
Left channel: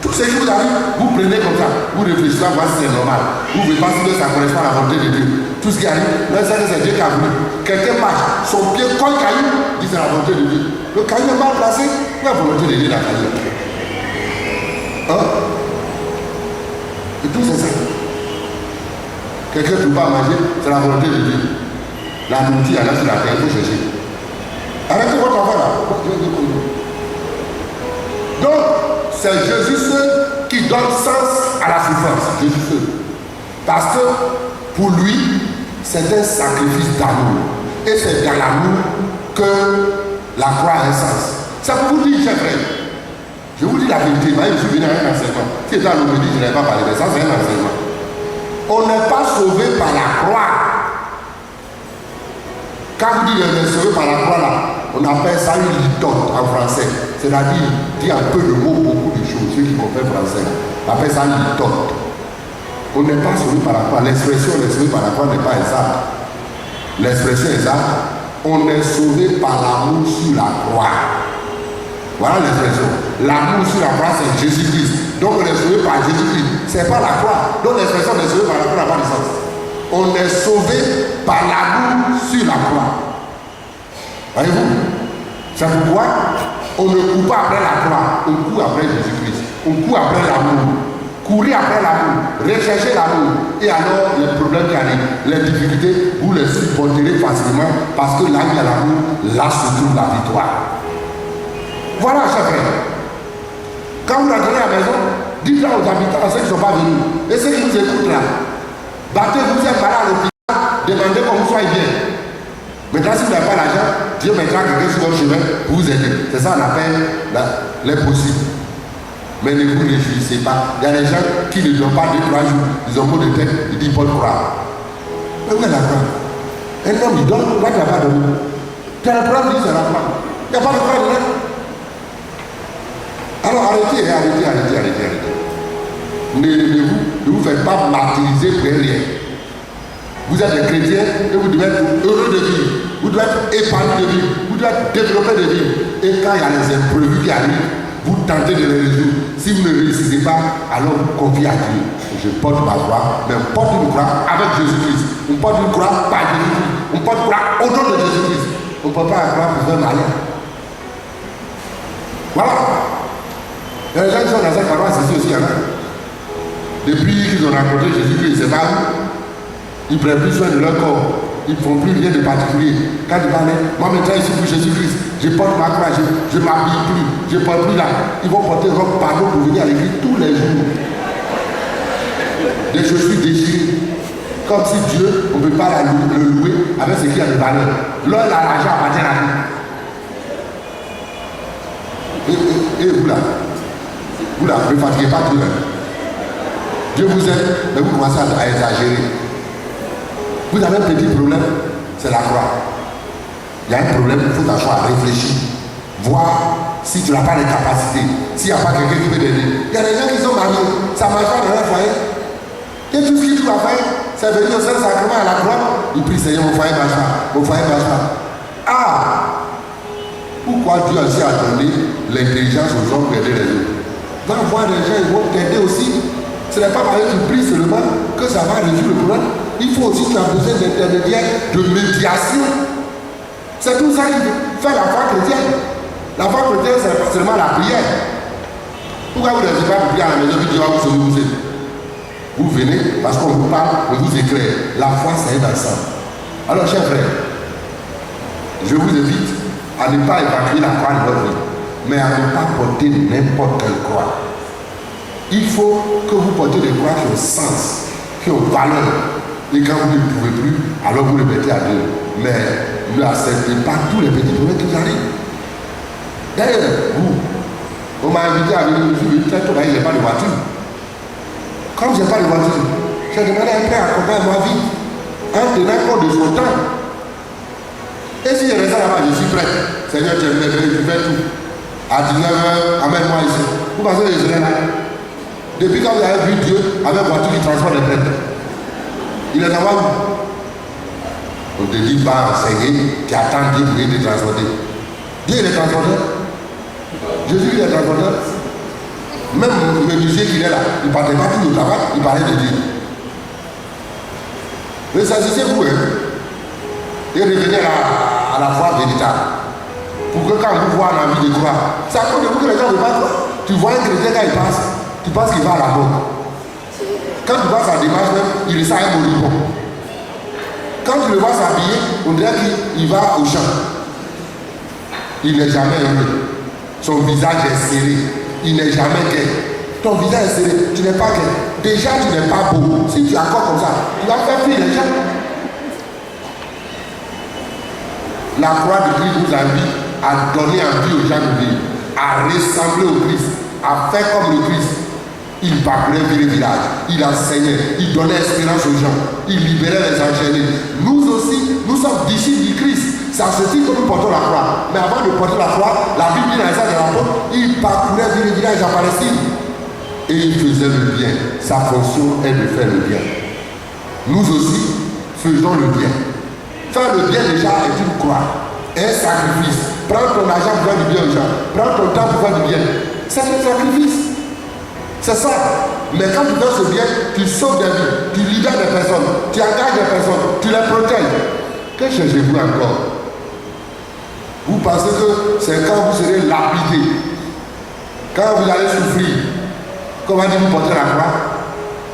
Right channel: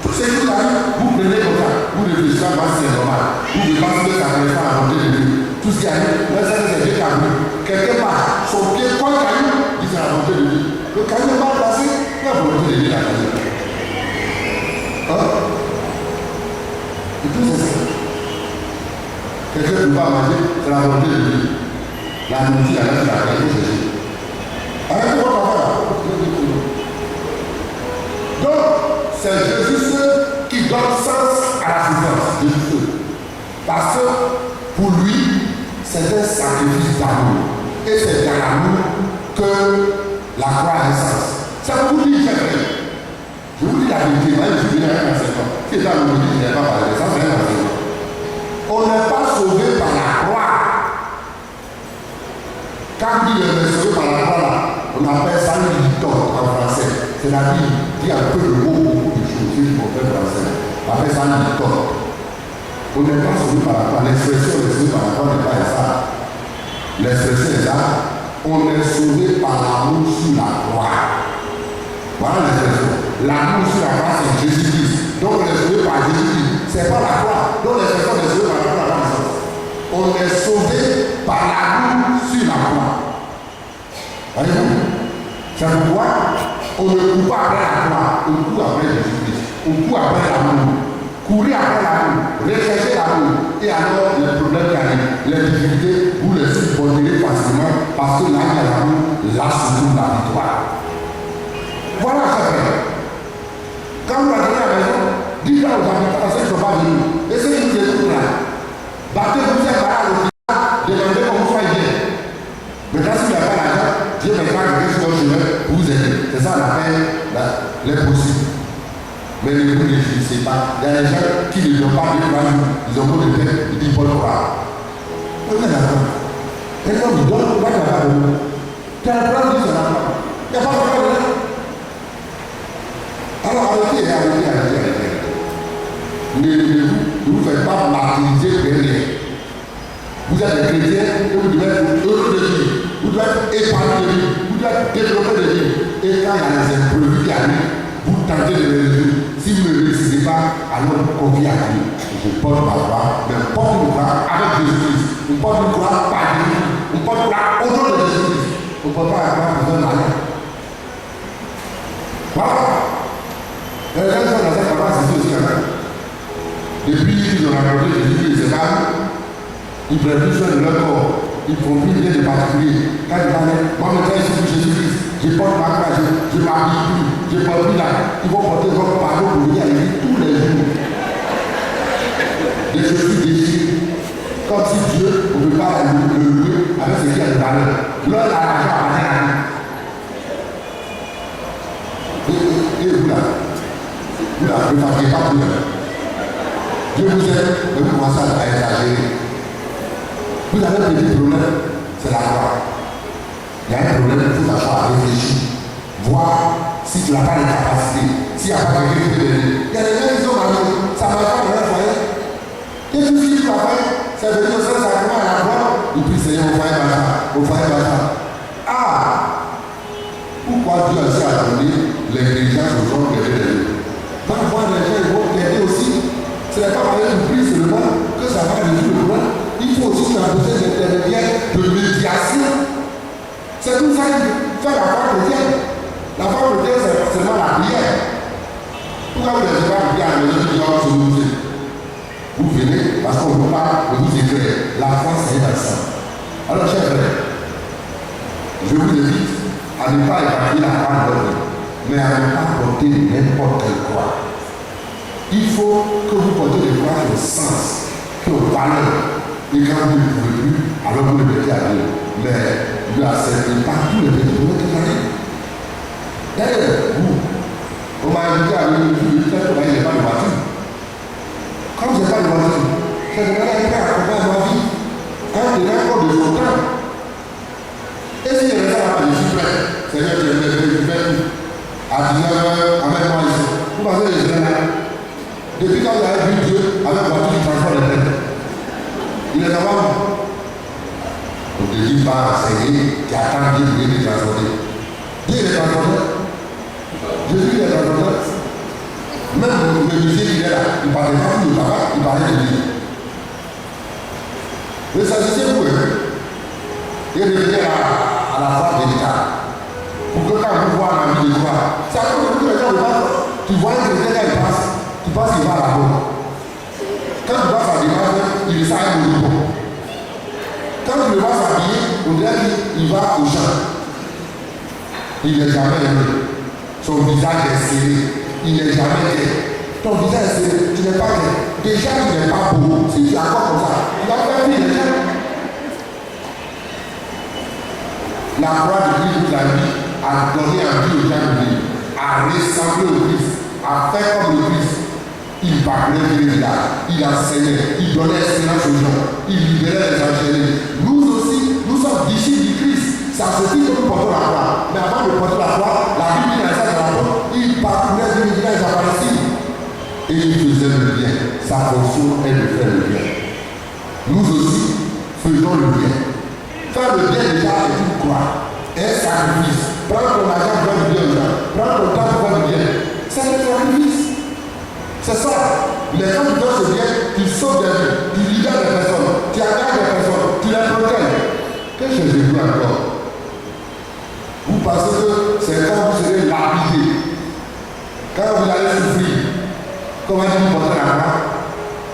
Tout ce qui vous arrive, vous prenez comme ça, vous réfléchissez, voir si c'est normal. Vous ne pouvez pas si ça correspond à la volonté de Dieu. Tout ce qui arrive, là, c'est Dieu qui a voulu. Quelqu'un marche, son pied colle le caillou, dit c'est la volonté de Dieu. Le caillou est mal placé, la volonté de Dieu la caillou. Hein? Et tout c'est ça. Quelqu'un ne peut pas manger, c'est la volonté de Dieu. La nourriture, là, c'est la terre, il faut chercher. Arrêtez votre affaire là. Donc, c'est Jésus seul qui donne sens à la souffrance. Jésus seul. Parce que pour lui, c'est un sacrifice d'amour. Et c'est dans l'amour que la croix a un sens. Ça pour vous dire, chers frères. Je vous dis la vérité, moi je suis venu avec un enseignement. Si étant le midi, je n'ai pas parlé de ça, c'est un enseignement. On n'est pas sauvé par la croix. Quand on dit qu'on est sauvé par la croix, là, on appelle ça une litote en français. C'est-à-dire, dit un peu de mots, beaucoup de choses, ceux qui comprennent français. On appelle ça une litote. On n'est pas sauvé par la croix. L'expression on est sauvé par la croix n'est pas exacte. L'expression est exacte. On est sauvé par l'amour sur la croix. Voilà l'expression. L'amour sur la croix, c'est Jésus-Christ. Donc on est sauvé par Jésus-Christ. C'est pas la croix. Donc l'expression on est sauvé par la croix n'a pas de sens. On est sauvé par l'amour sur la croix. Voyez-vous? C'est pourquoi on ne court pas après la croix, on court après Jésus-Christ. On court après l'amour. Courir après l'amour, rechercher l'amour. Et alors, les problèmes qui arrivent, les difficultés, vous les supporterez facilement parce que là, il y a l'amour, là se trouve la victoire. Voilà, chers frères. Quand vous rentrez à la maison, dites-le aux habitants, à ceux qui ne sont pas venus, et ceux qui nous écoutent là, battez-vous un balai à l'hôpital, demandez qu'on vous soit bien. Maintenant, si vous n'avez pas l'argent, Dieu mettra quelqu'un sur votre chemin pour vous aider. C'est ça qu'on appelle l'impossible. Mais ne vous réjouissez pas. Il y a des gens qui ne donnent pas 2-3 jours, ils ont pas de tête, ils disent pas de croire. Mais vous êtes d'accord. Un homme, il donne, pourquoi tu n'as pas donné? Tu as le problème, il dit c'est la croix. Il n'y a pas de croix dedans. Alors arrêtez. Ne vous faites pas martyriser pour rien. Vous êtes des chrétiens et vous devez être heureux de vivre. Vous devez être épanoui de vivre. Vous devez être développé de vivre. Et quand il y a des imprévus qui arrivent, vous tentez de les résoudre. Si vous ne réussissez pas, alors vous confiez à Dieu. Je porte ma croix, mais on porte une croix avec Jésus-Christ. On porte une croix par Jésus-Christ. On porte une croix au nom de Jésus-Christ. On ne porte pas la croix pour faire malin. Voilà. Les gens qui sont dans cette paroisse ici aussi, il y en a. Depuis qu'ils ont rencontré Jésus-Christ, c'est pas ils prennent plus soin de leur corps. Ils ne font plus rien de particulier. Quand ils parlent, moi maintenant je suis pour Jésus-Christ. Je porte ma croix, je ne m'habille plus, je ne porte plus là. Ils vont porter leur pardon pour venir à l'église tous les jours. Des chaussures déchirées. Comme si Dieu, on ne peut pas le louer avec ce qui a de valeur. L'heure, l'argent appartient à lui. Et vous là, ne fatiguez pas tout le monde. Dieu vous aide, mais vous commencez à exagérer. Vous avez un petit problème, c'est la croix. Il y a un problème, il faut t'asseoir à réfléchir. Voir si tu n'as pas les capacités. S'il n'y a pas quelqu'un qui peut t'aider. Il y a des gens qui sont mariés, ça ne marche pas dans leur foyer. Et tout ce que tu vas faire, c'est venir au Saint-Sacrement à la croix. Il prie, Seigneur, mon foyer marche pas. Ah! Pourquoi Dieu aussi a donné l'intelligence aux hommes d'aider les autres? Va voir les gens, ils vont t'aider aussi. Ce n'est pas parce que tu pries seulement que ça va résoudre le problème. Il faut aussi que tu as besoin d'intermédiaires, de médiation. C'est tout ça qui fait la foi chrétienne. La foi chrétienne, c'est pas seulement la prière. Pourquoi vous ne devez pas prier à la maison qui dit oh, vous venez parce qu'on vous parle, on vous éclaire. La foi, c'est un ensemble. Alors, chers frères, je vous invite à ne pas évacuer la croix de votre vie, mais à ne pas porter n'importe quelle croix. Il faut que vous portiez des croix qui ont sens, qui ont valeur. Et quand vous ne pouvez plus, alors vous le mettez à Dieu. Mais ne acceptez pas tous les petits problèmes qui arrivent. D'ailleurs, vous, on m'a invité à venir, je me suis dit, il n'y a pas de voiture. Comme je n'ai pas de voiture, j'ai demandé à quelqu'un accompagner ma vie en tenant compte de son temps. Et si je reste là-bas, je suis prêt. Seigneur, je fais tout. À 19h, amène-moi ici. Vous pensez que je serai là? Depuis quand vous avez vu Dieu avec une voiture qui transporte les têtes, il les a pas vu. On ne te dit pas enseigner, qui attend Dieu pour te transporter. Dieu il est transporteur. Jésus il est transporteur. Même le musée qui est là, il ne partait pas tout le travail, il parlait de Dieu. Mais ça c'est vous, hein. Et revenir à la foi véritable. Pour que quand vous voyez la vie de croire, c'est à cause de vous que les gens ne passent. Tu vois un chrétien quand il passe, tu penses qu'il va à la mort. Quand tu vois sa démarche, il est ça un moribond. Quand tu le vois s'habiller, on dirait qu'il va au champ. Il n'est jamais heureux. Son visage est serré. Il n'est jamais gai. Ton visage est serré. Tu n'es pas gai. Déjà, tu n'es pas beau. Si tu es encore comme ça, tu vas faire fuir les gens. La croix de Christ nous a dit à donner envie aux gens de vivre, à ressembler au Christ, à faire comme le Christ. Il parlait du village, il enseignait, il donnait espérance aux gens, il libérait les enchaînés. Nous aussi, nous sommes disciples du Christ. Ça se dit que nous portons la croix. Mais avant de porter la croix, la Bible dit dans les actes de l'apôtre, il parcourait du village à Palestine. Et il faisait le bien. Sa fonction est de faire le bien. Nous aussi, faisons le bien. Faire le bien déjà est une croix, un sacrifice. Prends ton argent pour faire du bien aux gens. Prends ton temps pour faire du bien. C'est un sacrifice. C'est ça. Mais quand tu fais ce bien, tu sauves des vies, tu libères des personnes, tu engages des personnes, tu les protèges. Que cherchez-vous encore? Vous pensez que c'est quand vous serez lapidé, quand vous allez souffrir, comment dit vous portez la croix?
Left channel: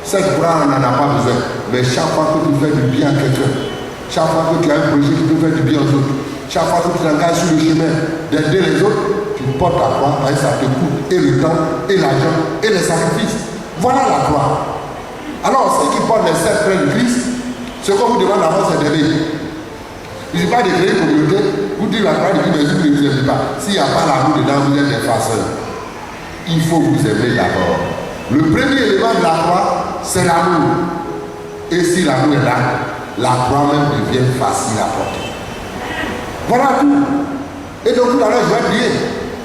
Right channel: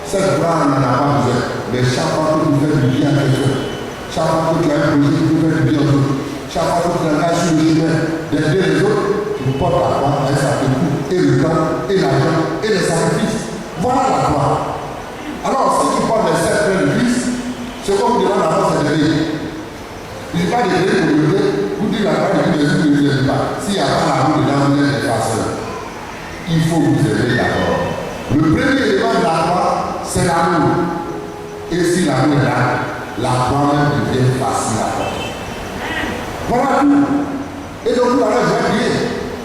Cette croix, on n'en a pas besoin. Mais chaque fois que tu fais du bien à quelqu'un, chaque fois que tu as un projet qui peut faire du bien aux autres, chaque fois que tu t'engages sur le chemin d'aider les autres, tu portes la croix, et ça te coûte et le temps, et l'argent, et les sacrifices. Voilà la croix. Alors, ceux qui portent les 7 frères de Christ, ce qu'on vous demande d'abord, c'est d'aider. Il ne suffit pas de créer une communauté, vous dites la croix de Christ, mais vous ne vous pas. S'il n'y a pas l'amour dedans, vous êtes des farceurs. Il faut vous aimer d'abord. Le premier élément de la croix, c'est l'amour. Et si l'amour est là, la croix même devient facile à porter. Voilà tout. Et donc tout à l'heure, je vais prier.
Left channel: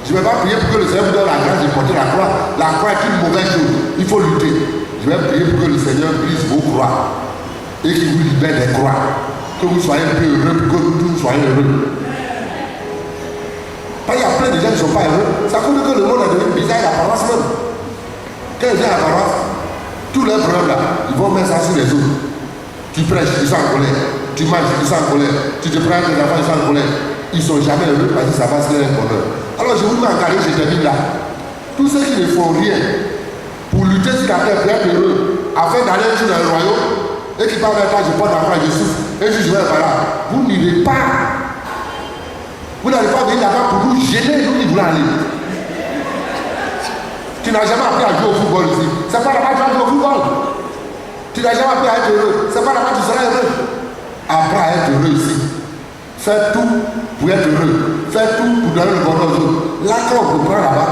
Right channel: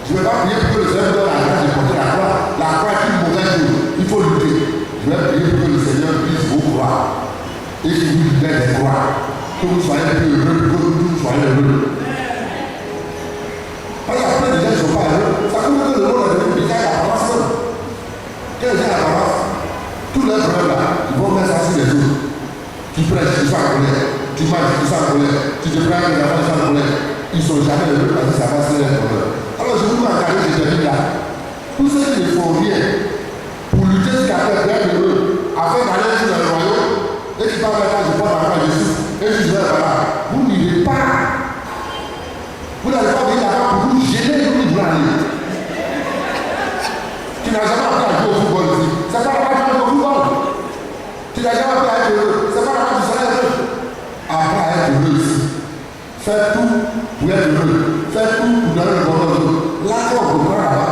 Je ne vais pas prier pour que le Seigneur me donne la grâce de porter la croix. La croix est une mauvaise chose. Il faut lutter. Je vais prier pour que le Seigneur brise vos croix. Et qu'il vous libère des croix. Que vous soyez plus heureux, que vous soyez heureux. Parce qu'il y a plein de gens qui ne sont pas heureux. Ça veut dire que le monde est devenu bizarre à la paroisse même. Quand ils viennent à la paroisse, tous leurs frères là, ils vont mettre ça sur les autres. Tu prêches, ils sont en colère. Tu manges, ils sont en colère. Tu te prends les enfants, ils sont en colère. Ils ne sont jamais heureux parce que ça va se faire un bonheur. Alors je vous mets en carré, je termine là. Tous ceux qui ne font rien pour lutter sur la terre, pour être heureux, afin d'aller sur le royaume, et qui parlent maintenant, je porte la croix, je souffre, et je vais par là. Vous n'irez pas. Vous n'allez pas venir là-bas pour vous gêner, vous n'y voulez aller. Tu n'as jamais appris à jouer au football ici. C'est pas là-bas que tu vas jouer au football. Tu n'as jamais appris à être heureux. C'est pas là-bas que tu seras heureux. Apprends à être heureux ici. Fais tout pour être heureux. Fais tout pour donner le bonheur aux autres. Là, quand on comprend là-bas,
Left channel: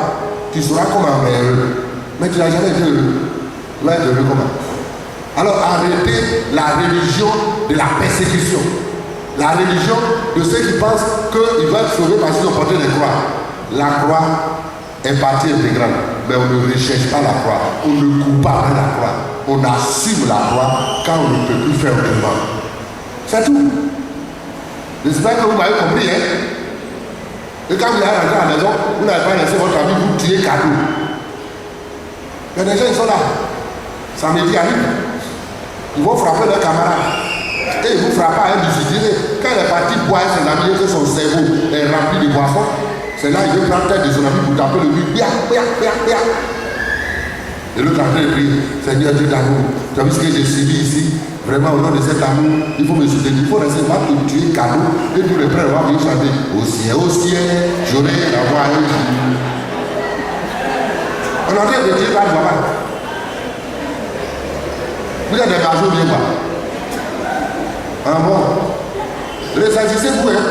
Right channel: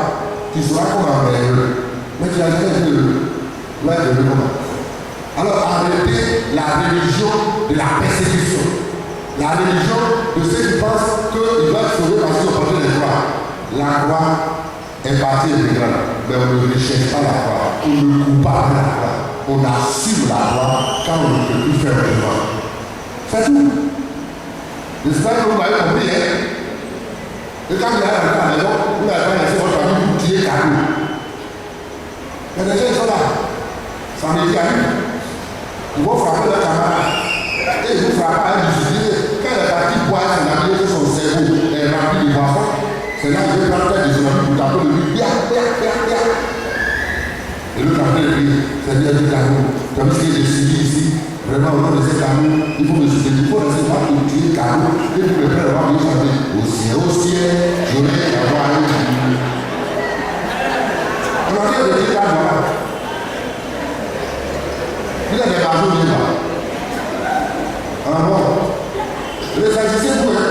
tu seras comme un vrai heureux. Mais tu n'as jamais été heureux. Tu vas être heureux comment? Alors arrêtez la religion de la persécution. La religion de ceux qui pensent qu'ils vont être sauvés parce qu'ils ont porté les croix. La croix est partie intégrale. Mais on ne recherche pas la croix. On ne coupe pas la croix. On assume la croix quand on ne peut plus faire autrement. C'est tout. J'espère que vous m'avez compris, hein? Et quand vous allez rentrer à la maison, vous n'avez pas laissé votre ami vous tuer cadeau. Il y a des gens qui sont là. Ça me dit à lui. Ils vont frapper leur camarade. Et ils vous frappent à un difficile. Quand il est parti boire ses amis, que son cerveau est rempli de boissons, c'est là qu'il veut prendre tête de son ami pour taper le but. Bia. Et l'autre après il prie, Seigneur Dieu d'amour, tu as vu ce que j'ai subi ici? Vraiment, au nom de cet amour, il faut me soutenir, il faut rester là pour tuer cadeau. Et pour le frère, on va venir chanter. Au ciel, j'aurai la voix à eux. On a dit de dire là, voilà. Vous êtes des margeaux bien bas. Ah bon? Ressentissez-vous, hein?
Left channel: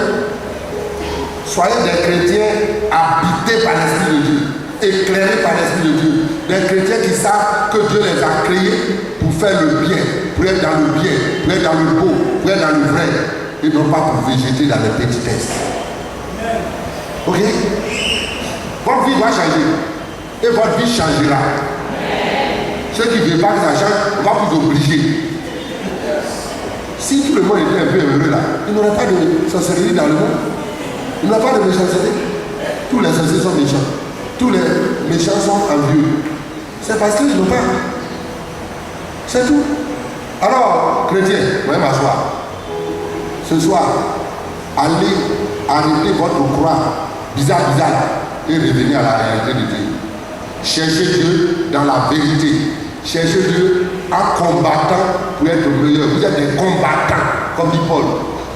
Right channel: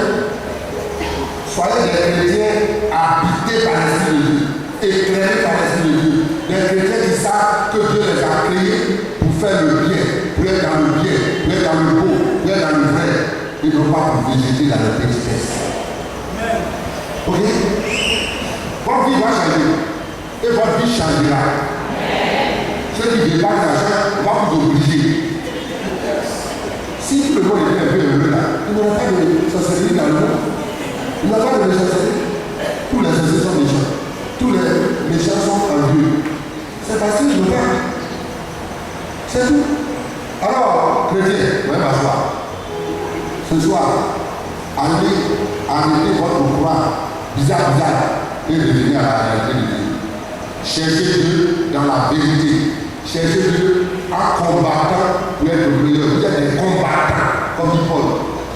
Soyez des chrétiens habités par l'Esprit de Dieu, éclairés par l'Esprit de Dieu. Des chrétiens qui savent que Dieu les a créés pour faire le bien, pour être dans le bien, pour être dans le beau, pour être dans le vrai, et non pas pour végéter dans les petitesses. Ok? Votre vie va changer. Et votre vie changera. Ceux qui ne veulent pas d'argent, on va vous obliger. Si tout le monde était un peu heureux là, il n'y aurait pas de sorcellerie dans le monde. Il n'y a pas de méchanceté. Tous les sorciers sont méchants. Tous les méchants sont envieux. C'est parce qu'ils ne veulent pas. C'est tout. Alors, chrétiens, vous allez m'asseoir. Ce soir, allez arrêter votre croix bizarre et revenir à la réalité de Dieu. Cherchez Dieu dans la vérité. Cherchez Dieu en combattant pour être meilleur. Vous êtes des combattants, comme dit Paul.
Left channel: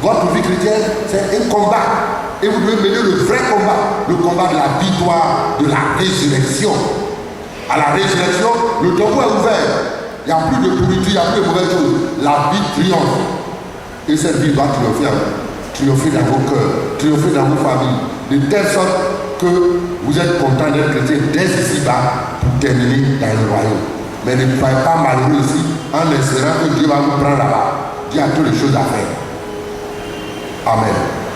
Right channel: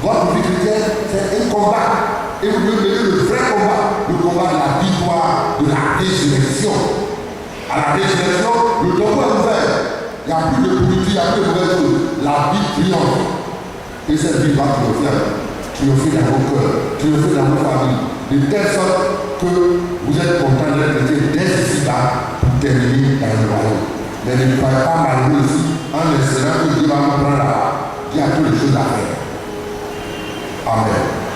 Votre vie chrétienne, c'est un combat. Et vous devez mener le vrai combat. Le combat de la victoire, de la résurrection. À la résurrection, le tombeau est ouvert. Il n'y a plus de pourriture, il n'y a plus de mauvaises choses. La vie triomphe. Et cette vie va triompher. Triompher dans vos cœurs, triompher dans vos familles. De telle sorte que vous êtes content d'être chrétien dès ici-bas pour terminer dans le royaume. Mais ne soyez pas malheureux aussi en espérant que Dieu va vous prendre là-bas. Dieu a toutes les choses à faire. Amen.